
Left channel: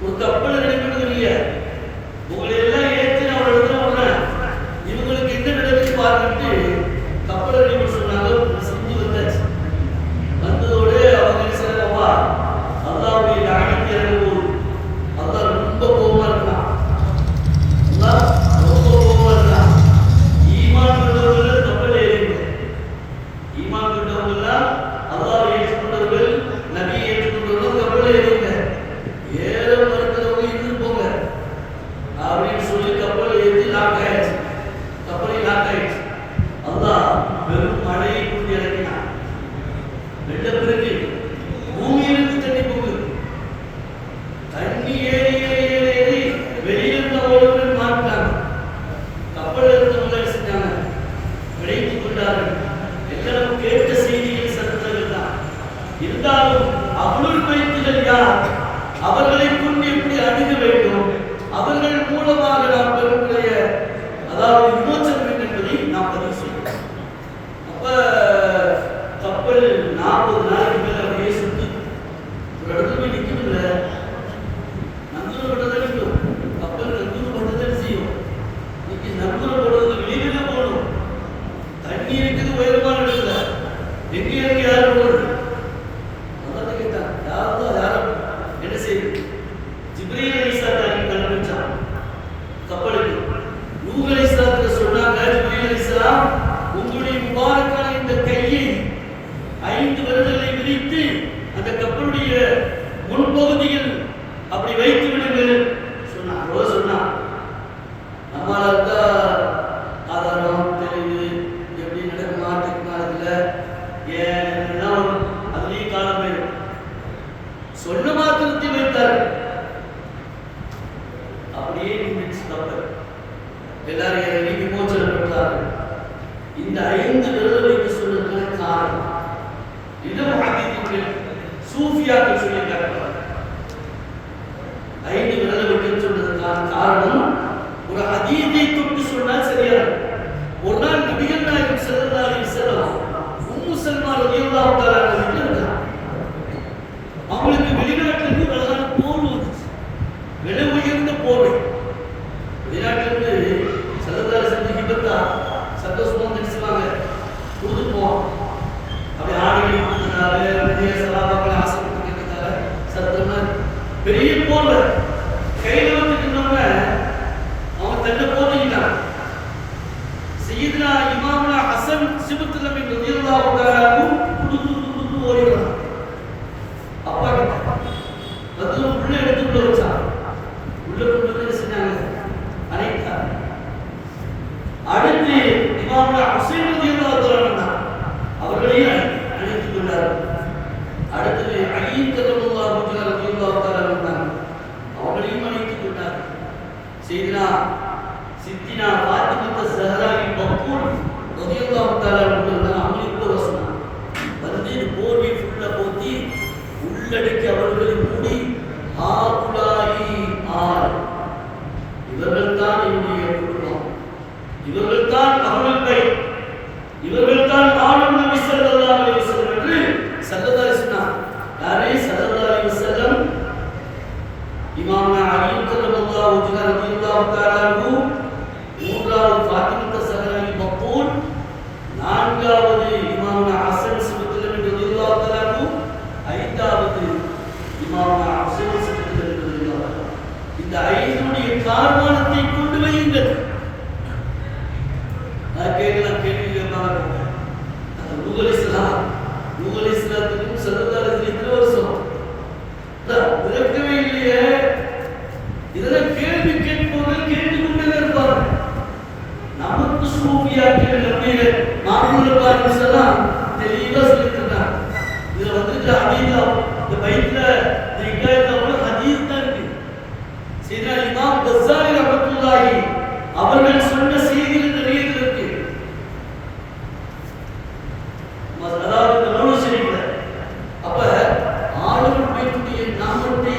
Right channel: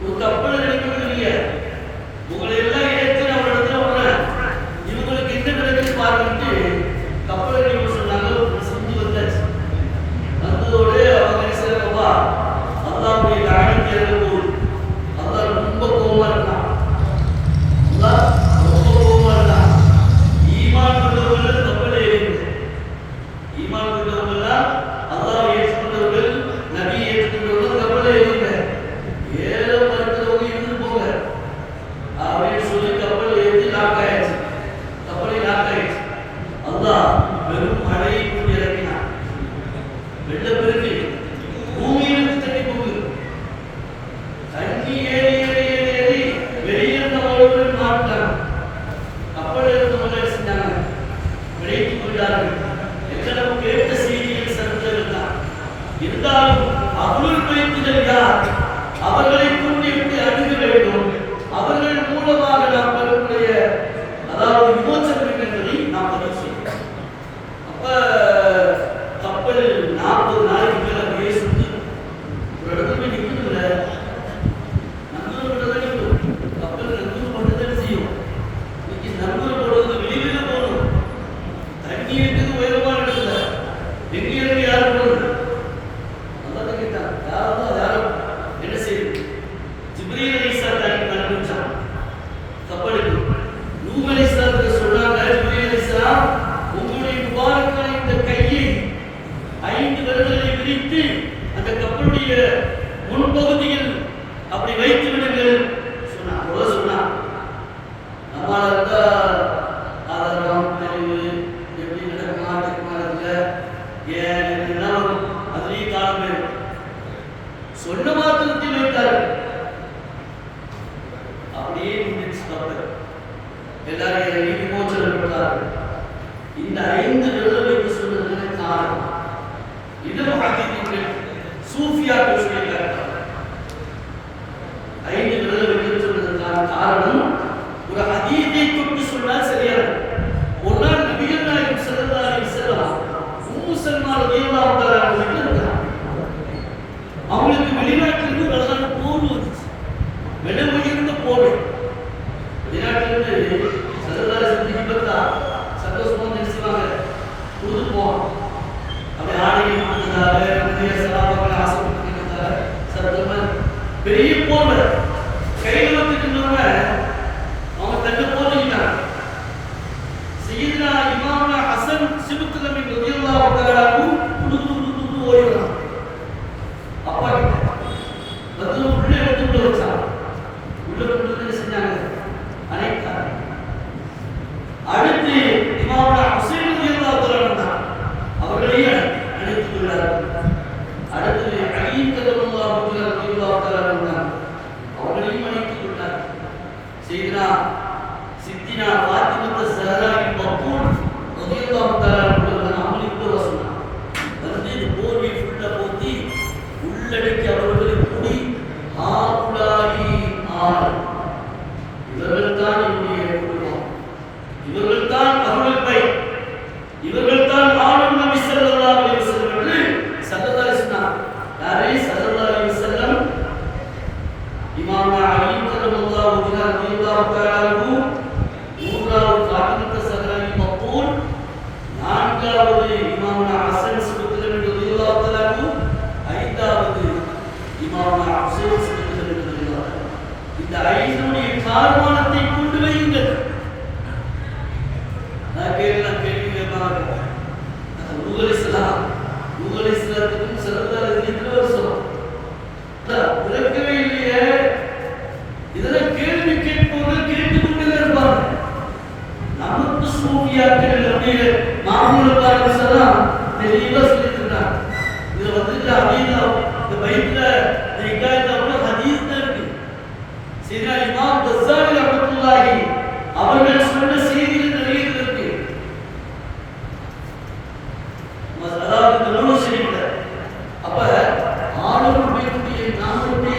ஒரு கப்பலை ரெடி பண்ணுவீங்க, உங்களை எல்லாம் ஏற்று நான் ஒரு இடத்துல விடுறேன், இவங்களுக்கு என்ன நடக்குது பார்த்துட்டு கப்பலை ரெடி பண்ண சொன்னாங்க. செஞ்சு வந்தாச்சு. வந்ததோடு அவங்க என்ன செய்யறவா அல்லாஹ்வுடைய லானத் இறங்கும். அல்லாஹ் ரொம்ப கோபமா இருக்கான். அல்லாஹ் ரொம்ப கோபமா இருக்கான். ஈமான் கொண்டவர்கள் கப்பல் ஏறிங்க. ஈமான் கொண்டவர்கள் அல்லாஹ் ஏற்றுக்கொண்டவர்கள், நபி ஏற்றுக்கொண்டவர்கள் கப்பல் ஏறிங்க. ஏற மறுக்கிறவங்க இருந்து போங்க அப்படின்னு சொல்லி கப்பல் ஏற்றி லாக் ஆயிடுச்சு. கப்பலை லாக் ஆயிடுச்சு. அல்லாஹ் வெறும் மழையை கொண்டு இறங்கினான். வெள்ளப்பெருக்கு பூமியிலிருந்து தண்ணி போகுது. தண்ணி ஏறி ஏறி வெளியிருந்த ஓடுகள் மாட்டாங்க. கப்பல் இருந்தவங்க செஞ்சாங்க, விளைத்துக் கொண்டார்கள். எல்லாம் கேட்ட செய்தியின் சத்தங்கள் தான். இருந்தாலும் அவ்வளவு பயிற்சிகள் யார், அவர்களை கொண்டு எப்படி அணுக வேண்டும், அவர்கள் மூலமாக நாம் பெறக்கூடிய அதாவது விமோசனம் என்பதை நாம் பதிவு செய்யலாம். அப்ப கப்பல் 40 நாளைக்கு மேல அப்படியே சுத்து ஒரு இடத்துல நிற்கல. நங்கூர் போட்டதை கப்பல் நங்கூர் போட்டதை செய்யும். இன்னைக்கு நங்கூர் போடுறது வெளியில போகணும். தண்ணி இருக்குது உயரமான இடத்துல, எங்க இறங்கி யாரும் போடுறது அதான் கேட்டான். யாரும் என்ன செய்யுது? ஜிப்ரீல் அலைஹிஸ்ஸலாம் கண்டுபிடிச்சான் கப்பலுக்கு. நூஹ் அலைஹிஸ்ஸலாத்துக்கு சொன்னாங்க, ஜிப்ரீல் அலைஹிஸ்ஸலாம் உங்களுடைய முபாரக்கான இந்த கையை 5 விரல்களை விரித்து அந்த கப்பலுடைய முன்பகுதியில் அப்படி வைத்து விடுங்கள் சொன்னான். சொன்னான் நம்மளால இருந்தா ஆதாரம் தெளிவு எப்படி நடக்குமா டெக்னாலஜில ஏன்னா அதுலேயும் காலம் பேரும் சொன்ன மாத்திரத்தில் வைத்தார்கள். அப்படியே நின்றுச்சு கப்பல். எல்லாரும் இறங்கி விமோசனம் பெற்றார்கள். இந்த 5 விரல் வைத்து சொன்னதுக்கான காரணம் இது முஹத்திதிகளுடைய சூஃபியாக்கள் சொல்லியிருக்காங்க. 5 விரல் வைத்து சொன்னதுக்கான காரணம் ஒரு ஹதீஸை தொட்டு சொன்னால் சரியாது. ஒரு நாள் நபிகள் நாயகம் ஸல்லல்லாஹு அலைஹி வஸல்லம் உம்மு சல்மா ரலியல்லாஹு தஆலா வீட்டில் இருந்தாங்க. அவங்களுக்கு வெளிநாட்டிலிருந்து ஒரு அழகான போர் வந்துச்சு, விலை உயர்ந்த போர். வெளிநாட்டிலிருந்து ஸல்லல்லாஹு அலைஹி வஸல்லம் ஹிபத்தா சந்தோஷமா நினைச்சுவாங்க கொடுத்துப்போம். அப்படி ஆடைகள் கொடுத்ததால நிறைய சலாபங்கள் ஆசைப்பட்டுக்கிறதால சத்தமா பெரிய போர் கையில் வந்துட்டுனவங்க அவங்க தன்னை போட்டுக்கிட்டாங்க. சையதுனா இமாமுனா ஹசன் சிபுத் நபி ரலியல்லாஹு தஆலா குடு ஓடி வராங்க. அப்பா கிட்ட வந்து உள்ள எடுத்துட்டு வச்சாங்க. உள்ள கொண்டு வந்து செஞ்சாங்க அனைத்தாங்க. அடுத்து இமாமுனா ஹுசைன் ரலியல்லாஹு தஆலா அவர்களையும் அழைத்துக் கொண்டார்கள். அடுத்து அலி ரலியல்லாஹு தஆலா அவர்களையும் அழைத்துக் கொண்டார்கள். சையதுனா சித்தினா ஃபாத்திமா ஸஹரா பக்கூல் ரலியல்லாஹு தஆலா அவங்களுக்கு வசனம் வந்து இந்த போர்வை ஃபுல்லா போத்தி உள்ளடக்கி அவர்களை மூடி ஆகுலாயி ஆர் இவர்கள் தான் என்னுடைய குடும்பம், இவர்கள் தான் அவர்கள் பெயர், இவர்கள் தான் ஆளும் நபி ஸல்லல்லாஹு அலைஹி வஸல்லம் என்று ஸல்லல்லாஹு அலைஹி வஸல்லம். யாரே ஸல்லல்லாஹு அலைஹி வஸல்லம் இமாம் அலி ரலியல்லாஹு தஆலா மூன்றாவது ஃபாத்திமா ஸஹரா மக்பூல், நான்காவது இமாம் ஹசன் சிபுத் நபி ரலியல்லாஹு தஆலா, ஐந்தாவது இமாம் ஹுசைன் சிபுத் நபி ரலியல்லாஹு தஆலா. இந்த 5 காரணத்தை கொண்டு வையுங்கள். நான் கேட்கலாம், கேள்வி கேட்பாங்க. நூஹ் அலைஹிஸ்ஸலாத்துக்கும் ஸல்லல்லாஹு அலைஹி வஸல்லம் எத்தனை வருஷம் பிறக்கவே இல்லையே. இதெல்லாம் கேள்வி கேட்பவர்கள் கேட்டுக்கொண்டே இருப்பாங்க. நமக்கு சூஃபியாக்கள் மாமூலுக்காரர்கள் தெளிவா சொல்லியிருக்கிறாங்க. இதுல வந்துட்டு ஹதீஸ் இந்த பைபிள்ல ஹதீஸ் தான் இருக்கு. அவர்கள் சொன்ன செய்தியில் நிறைய இருக்கு. அதாவது நூறு சரியில்லை. அப்ப ஆளுநர் பைத்துடைய நாமத்தை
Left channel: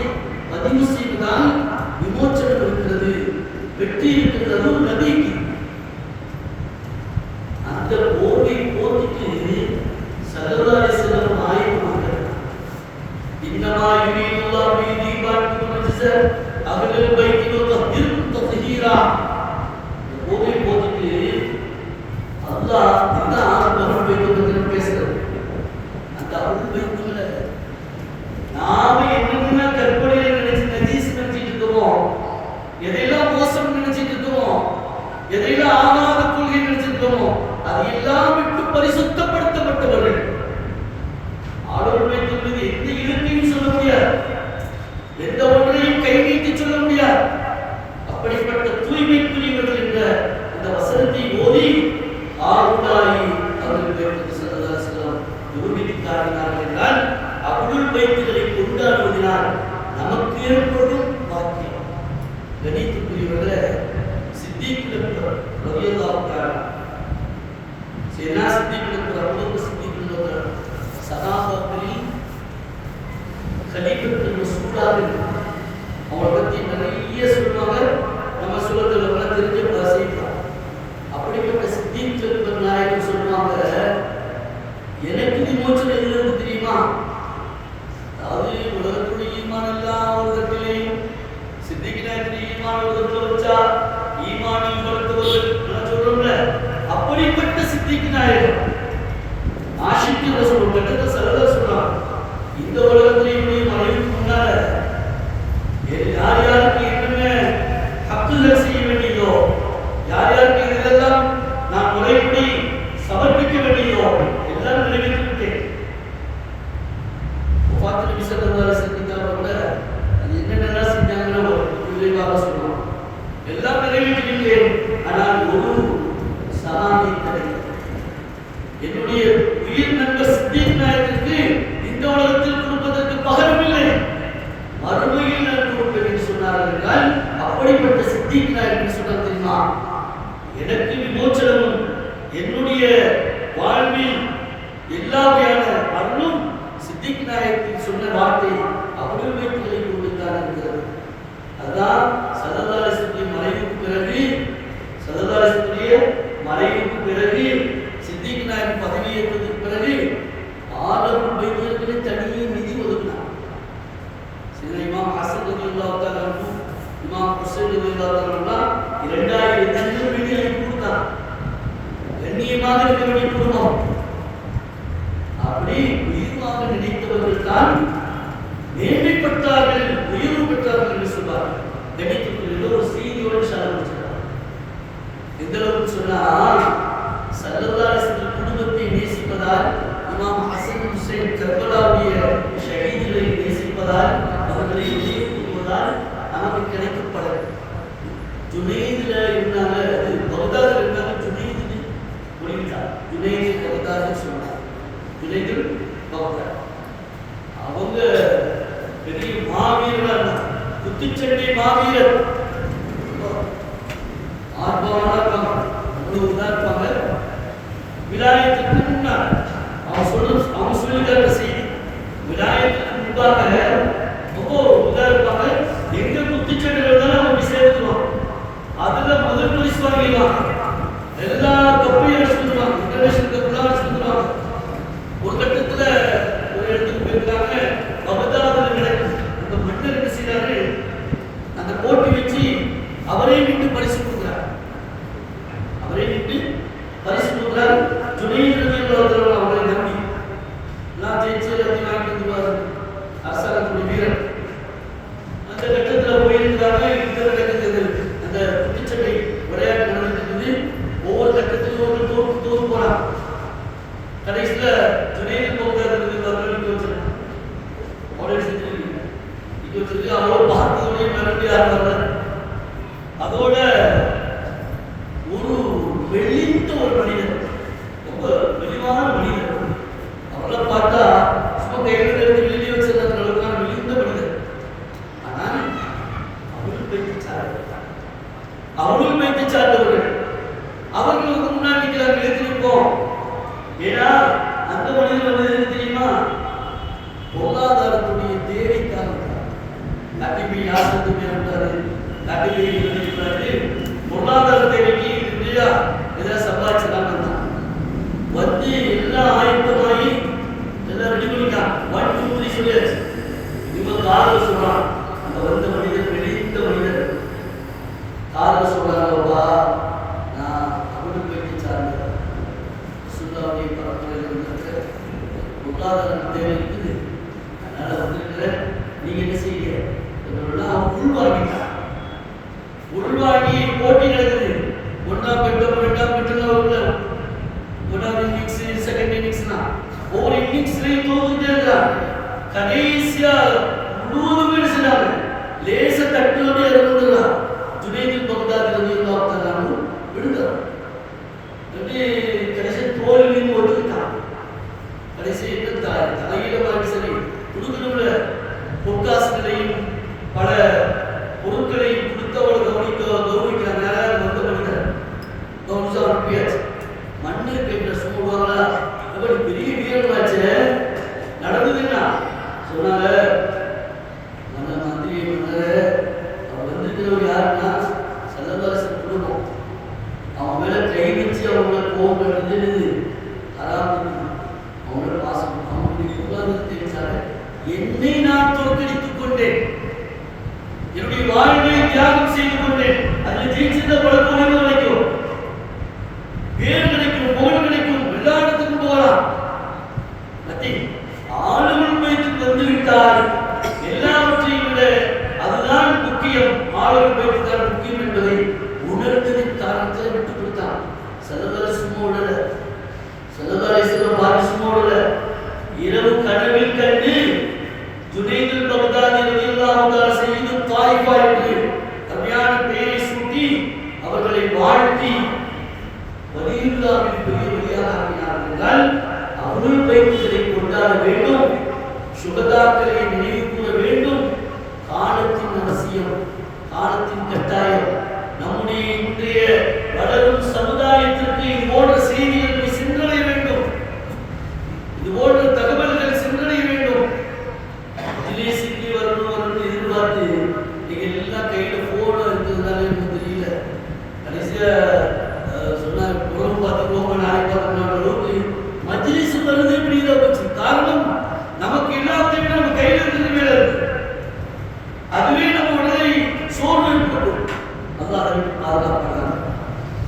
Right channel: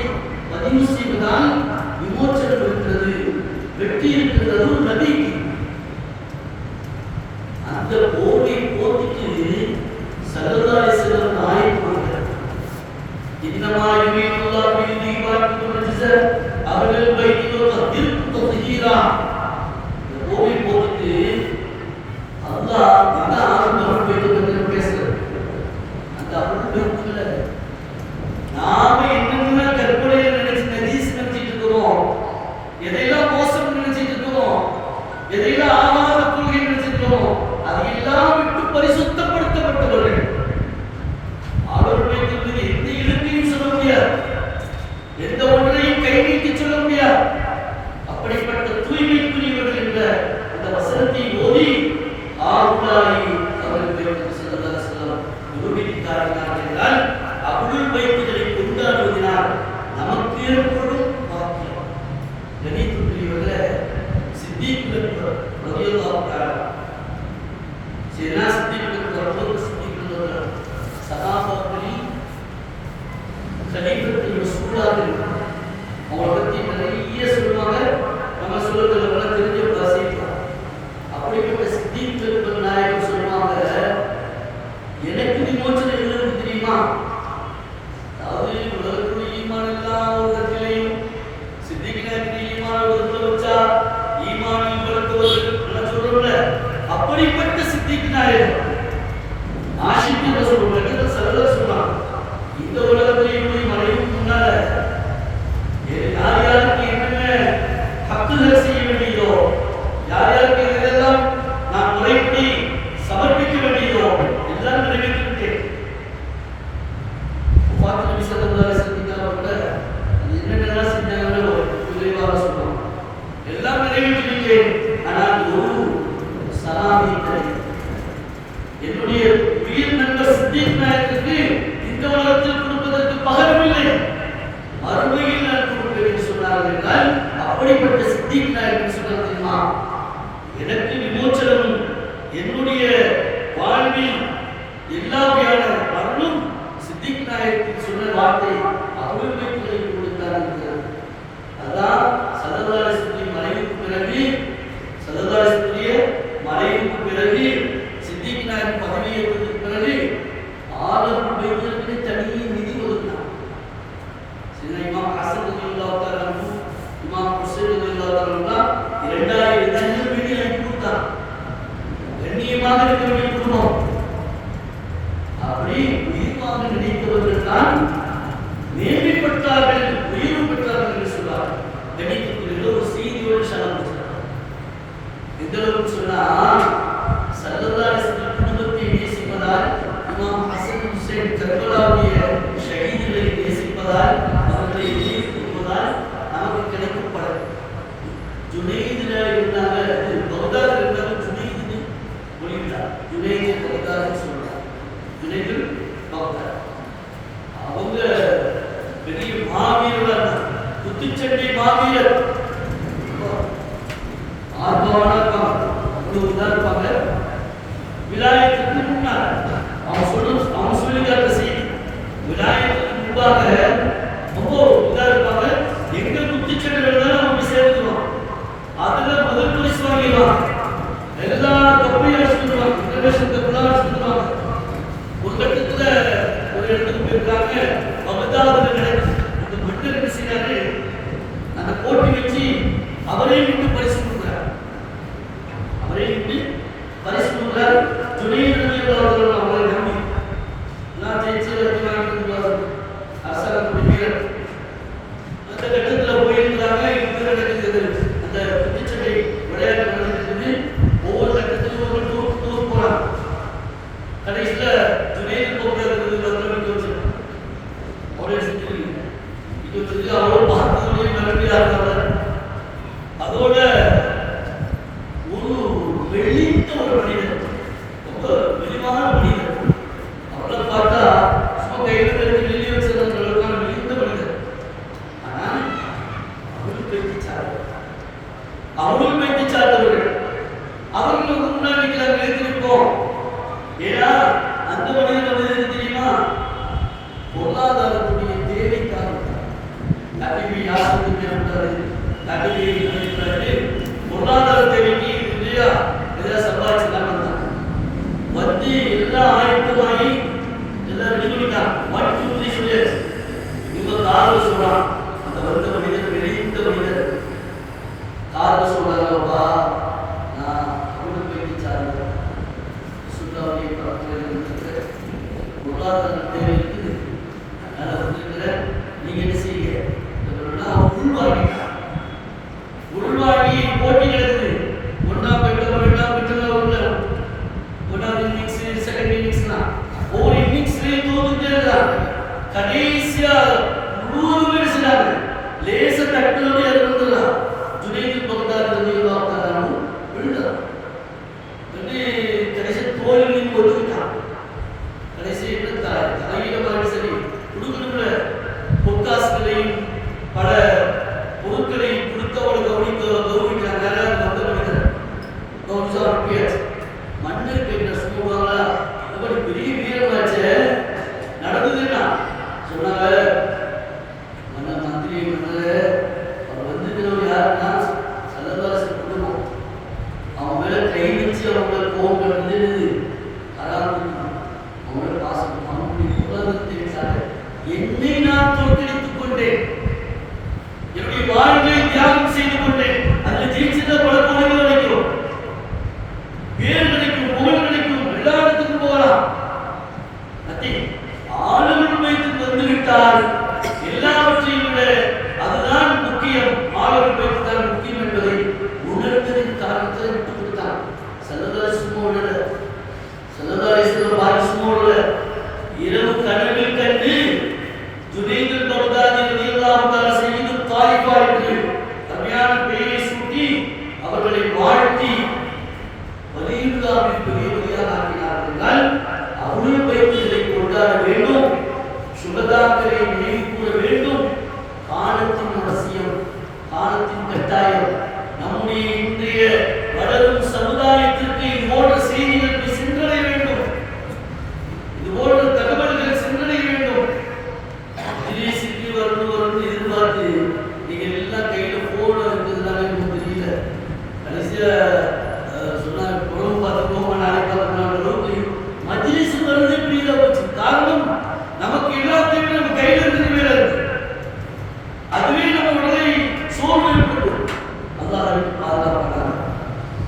பதிவு செய்வதால் விமோச்சனம் இருக்கிறது, வெற்றி இருக்கிறது நபிக்கு. அந்த போரை போட்டிக்கு ஸல்லல்லாஹு அலைஹி வஸல்லம் ஆயத்தமாக இன்னமா யுரீதுல்லாஹு பிஹிதிபாக்கும் ரஜஸ அஹ்லல் பைத்தி வதஹிரும் தத்ஹீரா. போரை போட்டிக்கு அல்லாஹ் இந்த அஹ்லல் பைத்தி பத்தி பேசுறார். அந்த அஹ்லல் பைத்தில நாம என்னென்ன கற்பனையில நினைச்சு நஜீஸ் நினைச்சிட்டு இருக்கோம், எதையெல்லாம் மோசம் நினைச்சிட்டு இருக்கோம், எதையெல்லாம் ஆகாத கொள்கை நினைச்சிட்டு இருக்கோம், அதையெல்லாம் விட்டு பரிசுத்தப்படுத்தப்பட்டவர்கள். ஆளுநருடைய மீது எந்த இலக்கையும் சொல்ல முடியாது, எந்த ஒன்றையும் கை நீட்டி சொல்ல முடியாது. அப்படிப்பட்ட தூய்மைக்குரியவர்கள் என்ற இந்த வசனத்தை ஓதி ஆளுநராகி அவர்கள் ஸல்லல்லாஹு அலைஹி வஸல்லம் நிரூபித்தார்கள் என்றால் அஹ்லுல் பைத்துகளை கொண்டாடுவதனால் நமக்கு ஏற்படும் பாக்கியம். கணித்துக்குரியவர்களே, சித்திக் ரலியல்லாஹு தஆலா சேனா சித்திக் ரலியல்லாஹு சித்திக் சஹாபாக்களில் கலீஃபத்துல் ரசூலுல்லாஹ் அவங்களை பற்றி நிறைய சொல்லுவாங்க. நம்ம சொல்லத்துல பல தெரிஞ்ச வாசிக்கலாம். அப்படிப்பட்ட சித்திக் ரலியல்லாஹு நாயகம் சொல்லுவாங்க, எனக்கு விமோச்சனம் எதுல இருக்கு தெரியுமா? அதாவது உலகத்துடைய ஈமான் எல்லாம் உலகத்திலேயும் சித்திக் நாயகத்துடைய ஈமான் உலகத்துல வச்சா ஈமானில் வளர்த்தவர்கள் சொல்றோம்ல, அப்படிப்பட்ட சித்திக் நாயகம் ஆஷிக்கு ரசூல் கட்டத்தில் ஸல்லல்லாஹு சொல்றாங்க, இந்த உலகத்திலேயே மறைவுக்கு முன்னால யார் யாருக்கு என்னென்ன ஹக்குகள் செய்ய வேண்டியதோ, யார் யாருக்கு இதெல்லாம் நான் முறைப்படி சமர்ப்பிக்க வேண்டியதோ எல்லாம் நிறைவேற்றி விட்டேன். முஃபாத் நபி ஸல்லல்லாஹு அலைஹி வஸல்லம் கூட அது என்னென்னலாம் செஞ்சாங்கன்னு ஒரு விளைவாக சொல்றாங்க. எல்லாம் நிறைவேற்றி விட்டேன், ஆனால் ஒரு சலாமி கிடையாது. என்னுடைய உயிர் நண்பர் சித்திக் நாயகத்திற்கு இந்த உலகத்தில் கொடுப்பதற்கு பகரமில்லை, மறுமையில் நான் கொடுப்பேன் என்று சொன்னார்கள் என்றால் அப்படிப்பட்ட சித்திக் நாயகன் சொன்னார் தெரியுமா, எனக்கு விமோச்சனமும் என்னுடைய வாழ்வில் எல்லா வகையான அருளும் சித்திக் நாயகத்தின் சொன்ன வார்த்தை அஹ்லுல் பைத்துகளை கொடுத்தான் இருக்கிறது. அதான் ஸல்லல்லாஹு அலைஹி வஸல்லம் மறைவுக்கு பிறகு, ஸல்லல்லாஹு அலைஹி வஸல்லம் மறைவுக்கு பிறகு சித்திக் நாயகம் பதவியேற்றதுக்கு பிறகு ஆளுநர் பைத்துகளுக்கு தனி நிதி ஒதுக்கினார். இமாம் ஹசன் ரலியல்லாஹு தஆலா அன்ஹு, இமாம் ஹுசைன் ரலியல்லாஹு தஆலா 2000 தங்கள் வீதியை கொடுத்தார். கண்ணியமாக இருக்க வேண்டிய குடும்பம். அப்படி உயிர்வாக நினைத்தவர்கள் தான் மேன்மைப்பட்டார்கள், உயர்வு பெற்றார்கள் என்று சொல்வார்கள். கணித்துக்குள்ள ஒரு செய்தியோடு சாதனை எந்த அளவுக்கு சொன்னா, ஸல்லல்லாஹு அலைஹி வஸல்லம் குடும்பத்தை நேசிப்பதால், இமாம் ஹசன் ஹுசைன் கர்பலாவுடைய ஷஹீதுகளை நேசிப்பதால், அவர்களை எதிர்ப்பதால் நமக்கு கிடைக்கப்படும். ஜுனைதுல இருந்தாங்க, பக்தாதில் இருந்தாங்க, ஜுனைது மொழிவிட்டார். ஜுனைது பக்தாதுன்னு சொன்னாங்க. ஜுனைது பக்தாத் அவங்க பெரிய மாவீரர்களாக இருந்தாங்க, குத்துச்சண்டை மாவீரர். ஆர்வமான இருப்பாங்க, அவ்வளவு இதா இருப்பாங்க. விலாயத்துக்கு முன்னால அவங்க சொல்லிக்காட்ட செய்தி, விலாயத்துக்கு முன்பாக ரொம்ப இதா இருப்பாங்க. எங்க குத்துச்சண்டை இருந்தாலும் அவங்க சேர்த்துக்குவாங்க, அதுல முதல் பரிசு வாங்கிடுவாங்க. எல்லா கப்பையும் அடிச்சு வந்துருவாங்க, இன்டர்நேஷனல் கப்பெல்லாம் அடிச்சு வந்துருவாங்க. ஒரு கட்டத்துல ஒரு இடத்துக்கு போயிருக்காங்க, பகதாதுல நடக்குது. அந்த மன்னர் என்ன செய்யறாரு, அந்த போட்டி வச்சு அவரே விட்டு பரிசு கொடுக்குறார். அவரே விட்டு பரிசு கொடுக்குறார். ஜுனைது ரலியல்லாஹு தஆலா அவரை நம்பி நான் ஜெயிச்சு எல்லாத்தையும் வாங்கி வந்துருவாரு, அரசாங்கத்துடைய வீரர். அந்த கட்டத்தில் போயிருக்கிறாங்க. இந்த நடக்குது, அந்த குத்துச்சண்டை விளையாட்டு நடந்துருக்குது. ஒவ்வொரு கட்டத்திலும் ஒரு தூர் போறாங்க. கடைசியில் ஜுனைது போக்குறது வீட்டு வச்சிருக்கோம், அவரே செஞ்சு இங்கே வச்சிருக்கு. அவ்வளோ பார்த்ததுடைய மறுபடியாக இருந்தாங்க. அதோட ஒரு வெளித்த ஒரு மனிதர், ரொம்ப வெளிவான மனிதர். அவளை பார்த்தா சும்மா கையில் இருந்து வெளியே வச்சிருந்த அளவுக்கான வெளிந்த மனிதர். ஆனால் அவள் பேச்சாரு அவர்கள் வைத்து சார்ந்தவர்கள். அவர்களுக்கு முன்னாடி நாங்கள் எழுந்திருப்போம். ஏன்னா அந்த மனிதர் வந்து தெரியுமா, பொருளாதாரத்துடைய தேவைக்காக கட்டிபி யாசத்து பேருந்தாரு, கட்டிபி பொருளாதார தேவைக்கு இல்லையா ஏதாவது சம்பாதிச்சுதான் வந்தான். வந்து எல்லாம் ஆயத்தமாகி எல்லாம் ரெடி பண்ணிட்டான். 1 2 3 சொல்லியாச்சு. இவங்க காரணம் சொல்றான். அந்த வந்த மனிதர் வெளித்த மனிதர் காரணம் சொல்றாங்கப்பா, நான் அவனுக்கு போயிட்டு சார்ந்தேன். சுண்டாவுடைய பரப்புரையில் பொருளாதார தேவை இருக்குது, அதனால வந்திருக்கிறேன். நீங்க என்ன செய்ய உள்வாங்கிட்டான். உள்வாங்கி போட்டி நடக்குது. ஒன்றாம் கட்டம் ரெண்டாம் கட்டம் ஒன்றாவது இன்னிங்ஸ் செகண்ட் இன்னிங்ஸ்னா ஒவ்வொரு இன்னிங்ஸ்லயும் தோத்துட்டே இருக்கான். கடைசியா 100 பேர் செஞ்சாங்க. லேச தட்டுலோட இறந்துடலாம். ஜுனைதுல் பக்தாதி ரலியல்லாஹு தஆலா விடுத்தார். கடைசி தோல்வின்னு ஒத்துக்கிட்டான். கடைசி என்ன தலையில மாதிரி சரி கொடுக்கணும்ல, பொற்காசுகளையும் பல பொருட்களையும் கொடுத்தவளை கௌரவிக்கிறாங்க. வந்த மனிதர் கௌரவிச்சா அனுப்பியாச்சு. மன்னர் கேட்கிற சொல்லுவாங்களா, எப்படி பெரிய வீரமாச்சு நடந்ததுன்னா சொன்னாங்க. மன்னர் மந்திரி மன்னர் அவர் வந்துக்கிறவர் யாருன்னா சல்லல்லாஹு குடும்பம். அவன் மேல கை வச்சு அவங்கள கோபம் பண்ணுறது அவங்களோட பாசம். அவங்களுடைய பொருளாதாரத்தை என்னை நான் தோற்கடித்துக் கொண்டேன், என்னுடைய வாழ்வை தியாகம் செய்து கொண்டேன். அதில் ஜெயிச்சிருந்த பல கோணங்கள் கிடைக்கும், பேர் கிடைக்கும், புகழ் கிடைக்கும், எல்லா இடத்துக்கும் போகலாம். ஆளுகள் வைத்து வந்துவிட்டால் எல்லாவற்றையும் விட அதுதான் முக்கியம், ஆளுகள் வைத்து தான் முக்கியம் என்பதை உணர்ந்ததின் காரணத்தில் விட்டுக் கொடுத்தான். சல்லல்லாஹு இரவு கனவில் கண்டு ஜுனைதுல் பக்தாதி ரலியல்லாஹு தஆலா சய்யிது தாயிஃபா என்று அருமையான பெயரை சூட்டி அவர்களை வாழ்த்தி வலியுல்லாஹின் பெரியவராக ஆக்கினார்கள். அவர்கள் வைத்ததை கொண்டாட வேண்டும், சுகதாக்களை நினைவு கூற வேண்டும். காலத்தின் அவசியம், காலத்தின் கட்டாயம். நம்முடைய இன்றைய வளரும் சமுதாயத்திற்கு இது போன்ற செய்திகள் போய் சென்றடைய வேண்டும், இது போன்ற தகவல்கள் சென்றடைய வேண்டும். ஜிலேசிக்கு வரணும் எதிர்பார்த்து நீங்க எல்லாம் கையில போன இருக்கிறதுனால எனக்கு தெரியல. கடைசியா சொன்னாங்க உறவு பார்த்துக்கோங்க, நாளை பார்த்துக்கோங்க அளவுக்கு மஜ்லிஸ் வருது இப்படியில போச்சு. காரணம் நமக்கு எல்லாத்தையுமே நம்ம கையில இருக்கிறது மேல இருக்கு. அதுவே நம்ம உடலை சோர்வு ஏற்பட்டு அல்லாஹ் பாதுகாப்பாங்க.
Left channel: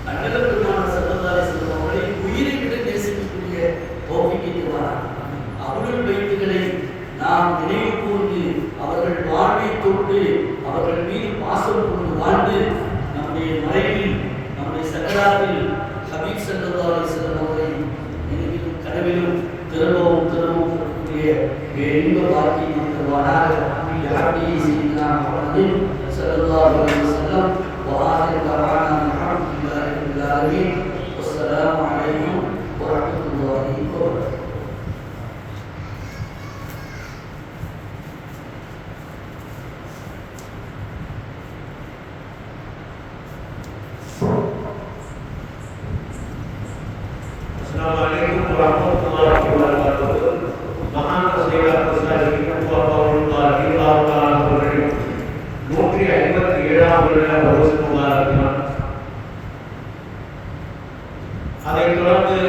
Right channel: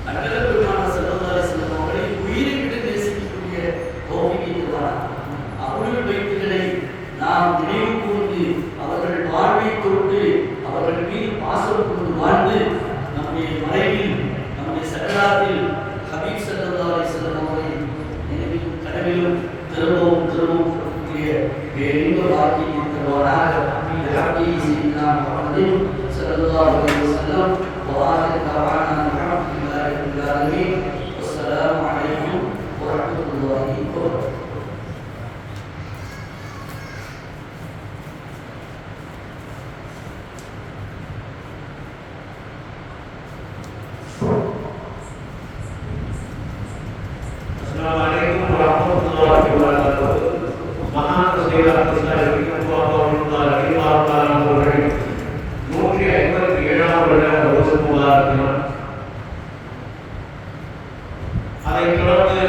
அண்ணல் பெருமானார் ஸல்லல்லாஹு அலைஹி வஸல்லம் அவர்களை உயிரை விட நேசிக்கக்கூடிய தௌஃபீக் வராங்க. அவர்கள் வைத்துகளை நாம் நினைவு கூர்ந்து அவர்கள் வாழ்வை தொட்டு அவர்கள் மீது பாசம் கொண்டு வாழ்ந்து நம்முடைய மறைவில் நம்முடைய சக்கராத்தில் ஹபீப் ஸல்லல்லாஹு அலைஹி வஸல்லம் அவர்களை நினைவிலும் கனவிலும் திரும்பவும் கொடுக்கக்கூடிய இன்ப வாழ்க்கையை தருவாராக. ஸல்லல்லாஹு அலைஹி வஸல்லம் وآخر دعوانا الحمد لله رب العالمين والسلام عليكم ورحمة الله وبركاته. Assalamualaikum warahmatullahi wabarakatuh. Mahan Sayyidina Rasulullah sallallahu 157 வருட தௌசு முபாரக்கினான். அதைத் தொடர்ந்து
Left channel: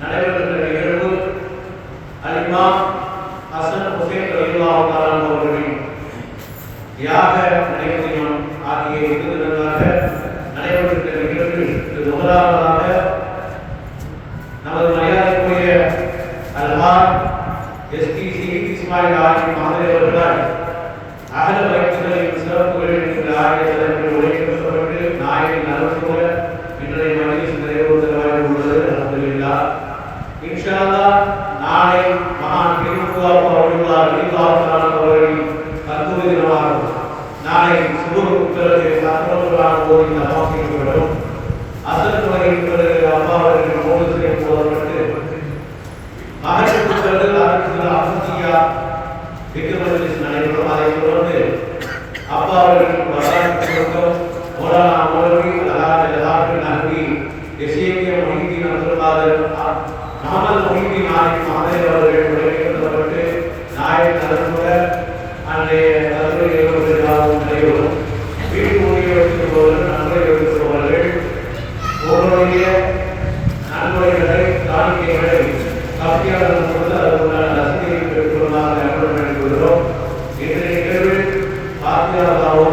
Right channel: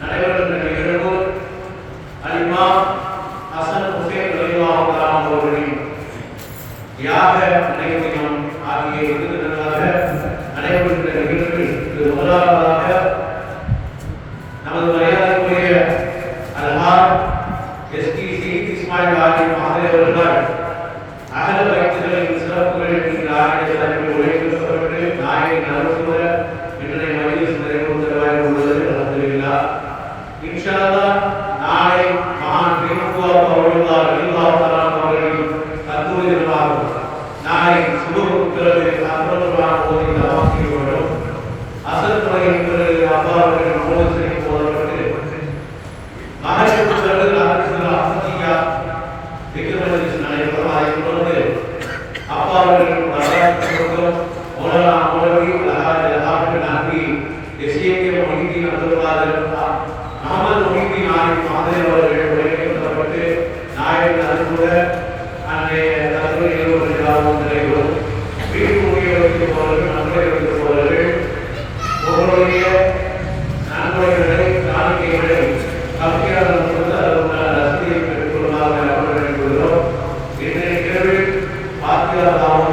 நடைபெறுகின்ற நிகழ்வு அல்-இமாம் ஹசன் ஹுசைன் ரலியல்லாஹு தஆலா அவர்களின் தியாக நினைவு தினம் ஆகிய இரு தினங்களாக நடைபெறுகின்ற நிகழ்வில் இது முதலாவதாக நமது மரியாதைக்குரிய அல்ஹாஜ் எஸ்டிசி இஸ்மாயில் ஆலி மஹதர் அவர்கள் அகல பயிற்சிகளின் சிறப்புகளில் இந்த ஆகிய தலைப்பில் உரைக்கப்பட்டு நாயகன் அரசு இன்றைய மஜ்லிஸ் நிறைவேறுவதாக உள்ளது. அல்ஹம்துலில்லாஹ். இன்ஷா அல்லாஹ் நாளை மகான் திருக்குவார் அவர்களின் கல்லூரி தினமாகும். நாளை சுபுருக்கு பிறகு அப்புறம் போதி தவாப் செய்யப்படும். அசர் துறையின் பிறகு அப்பா அவர்களின் மோதலை போதப்பட்டு மகனுக்கு பிறகு அரசு அஹமதியா நடைபெறும். அதைத் தொடர்ந்து அப்பா அவர்களின் வரலாற்று மௌலானா சாட்சியாளராகவும்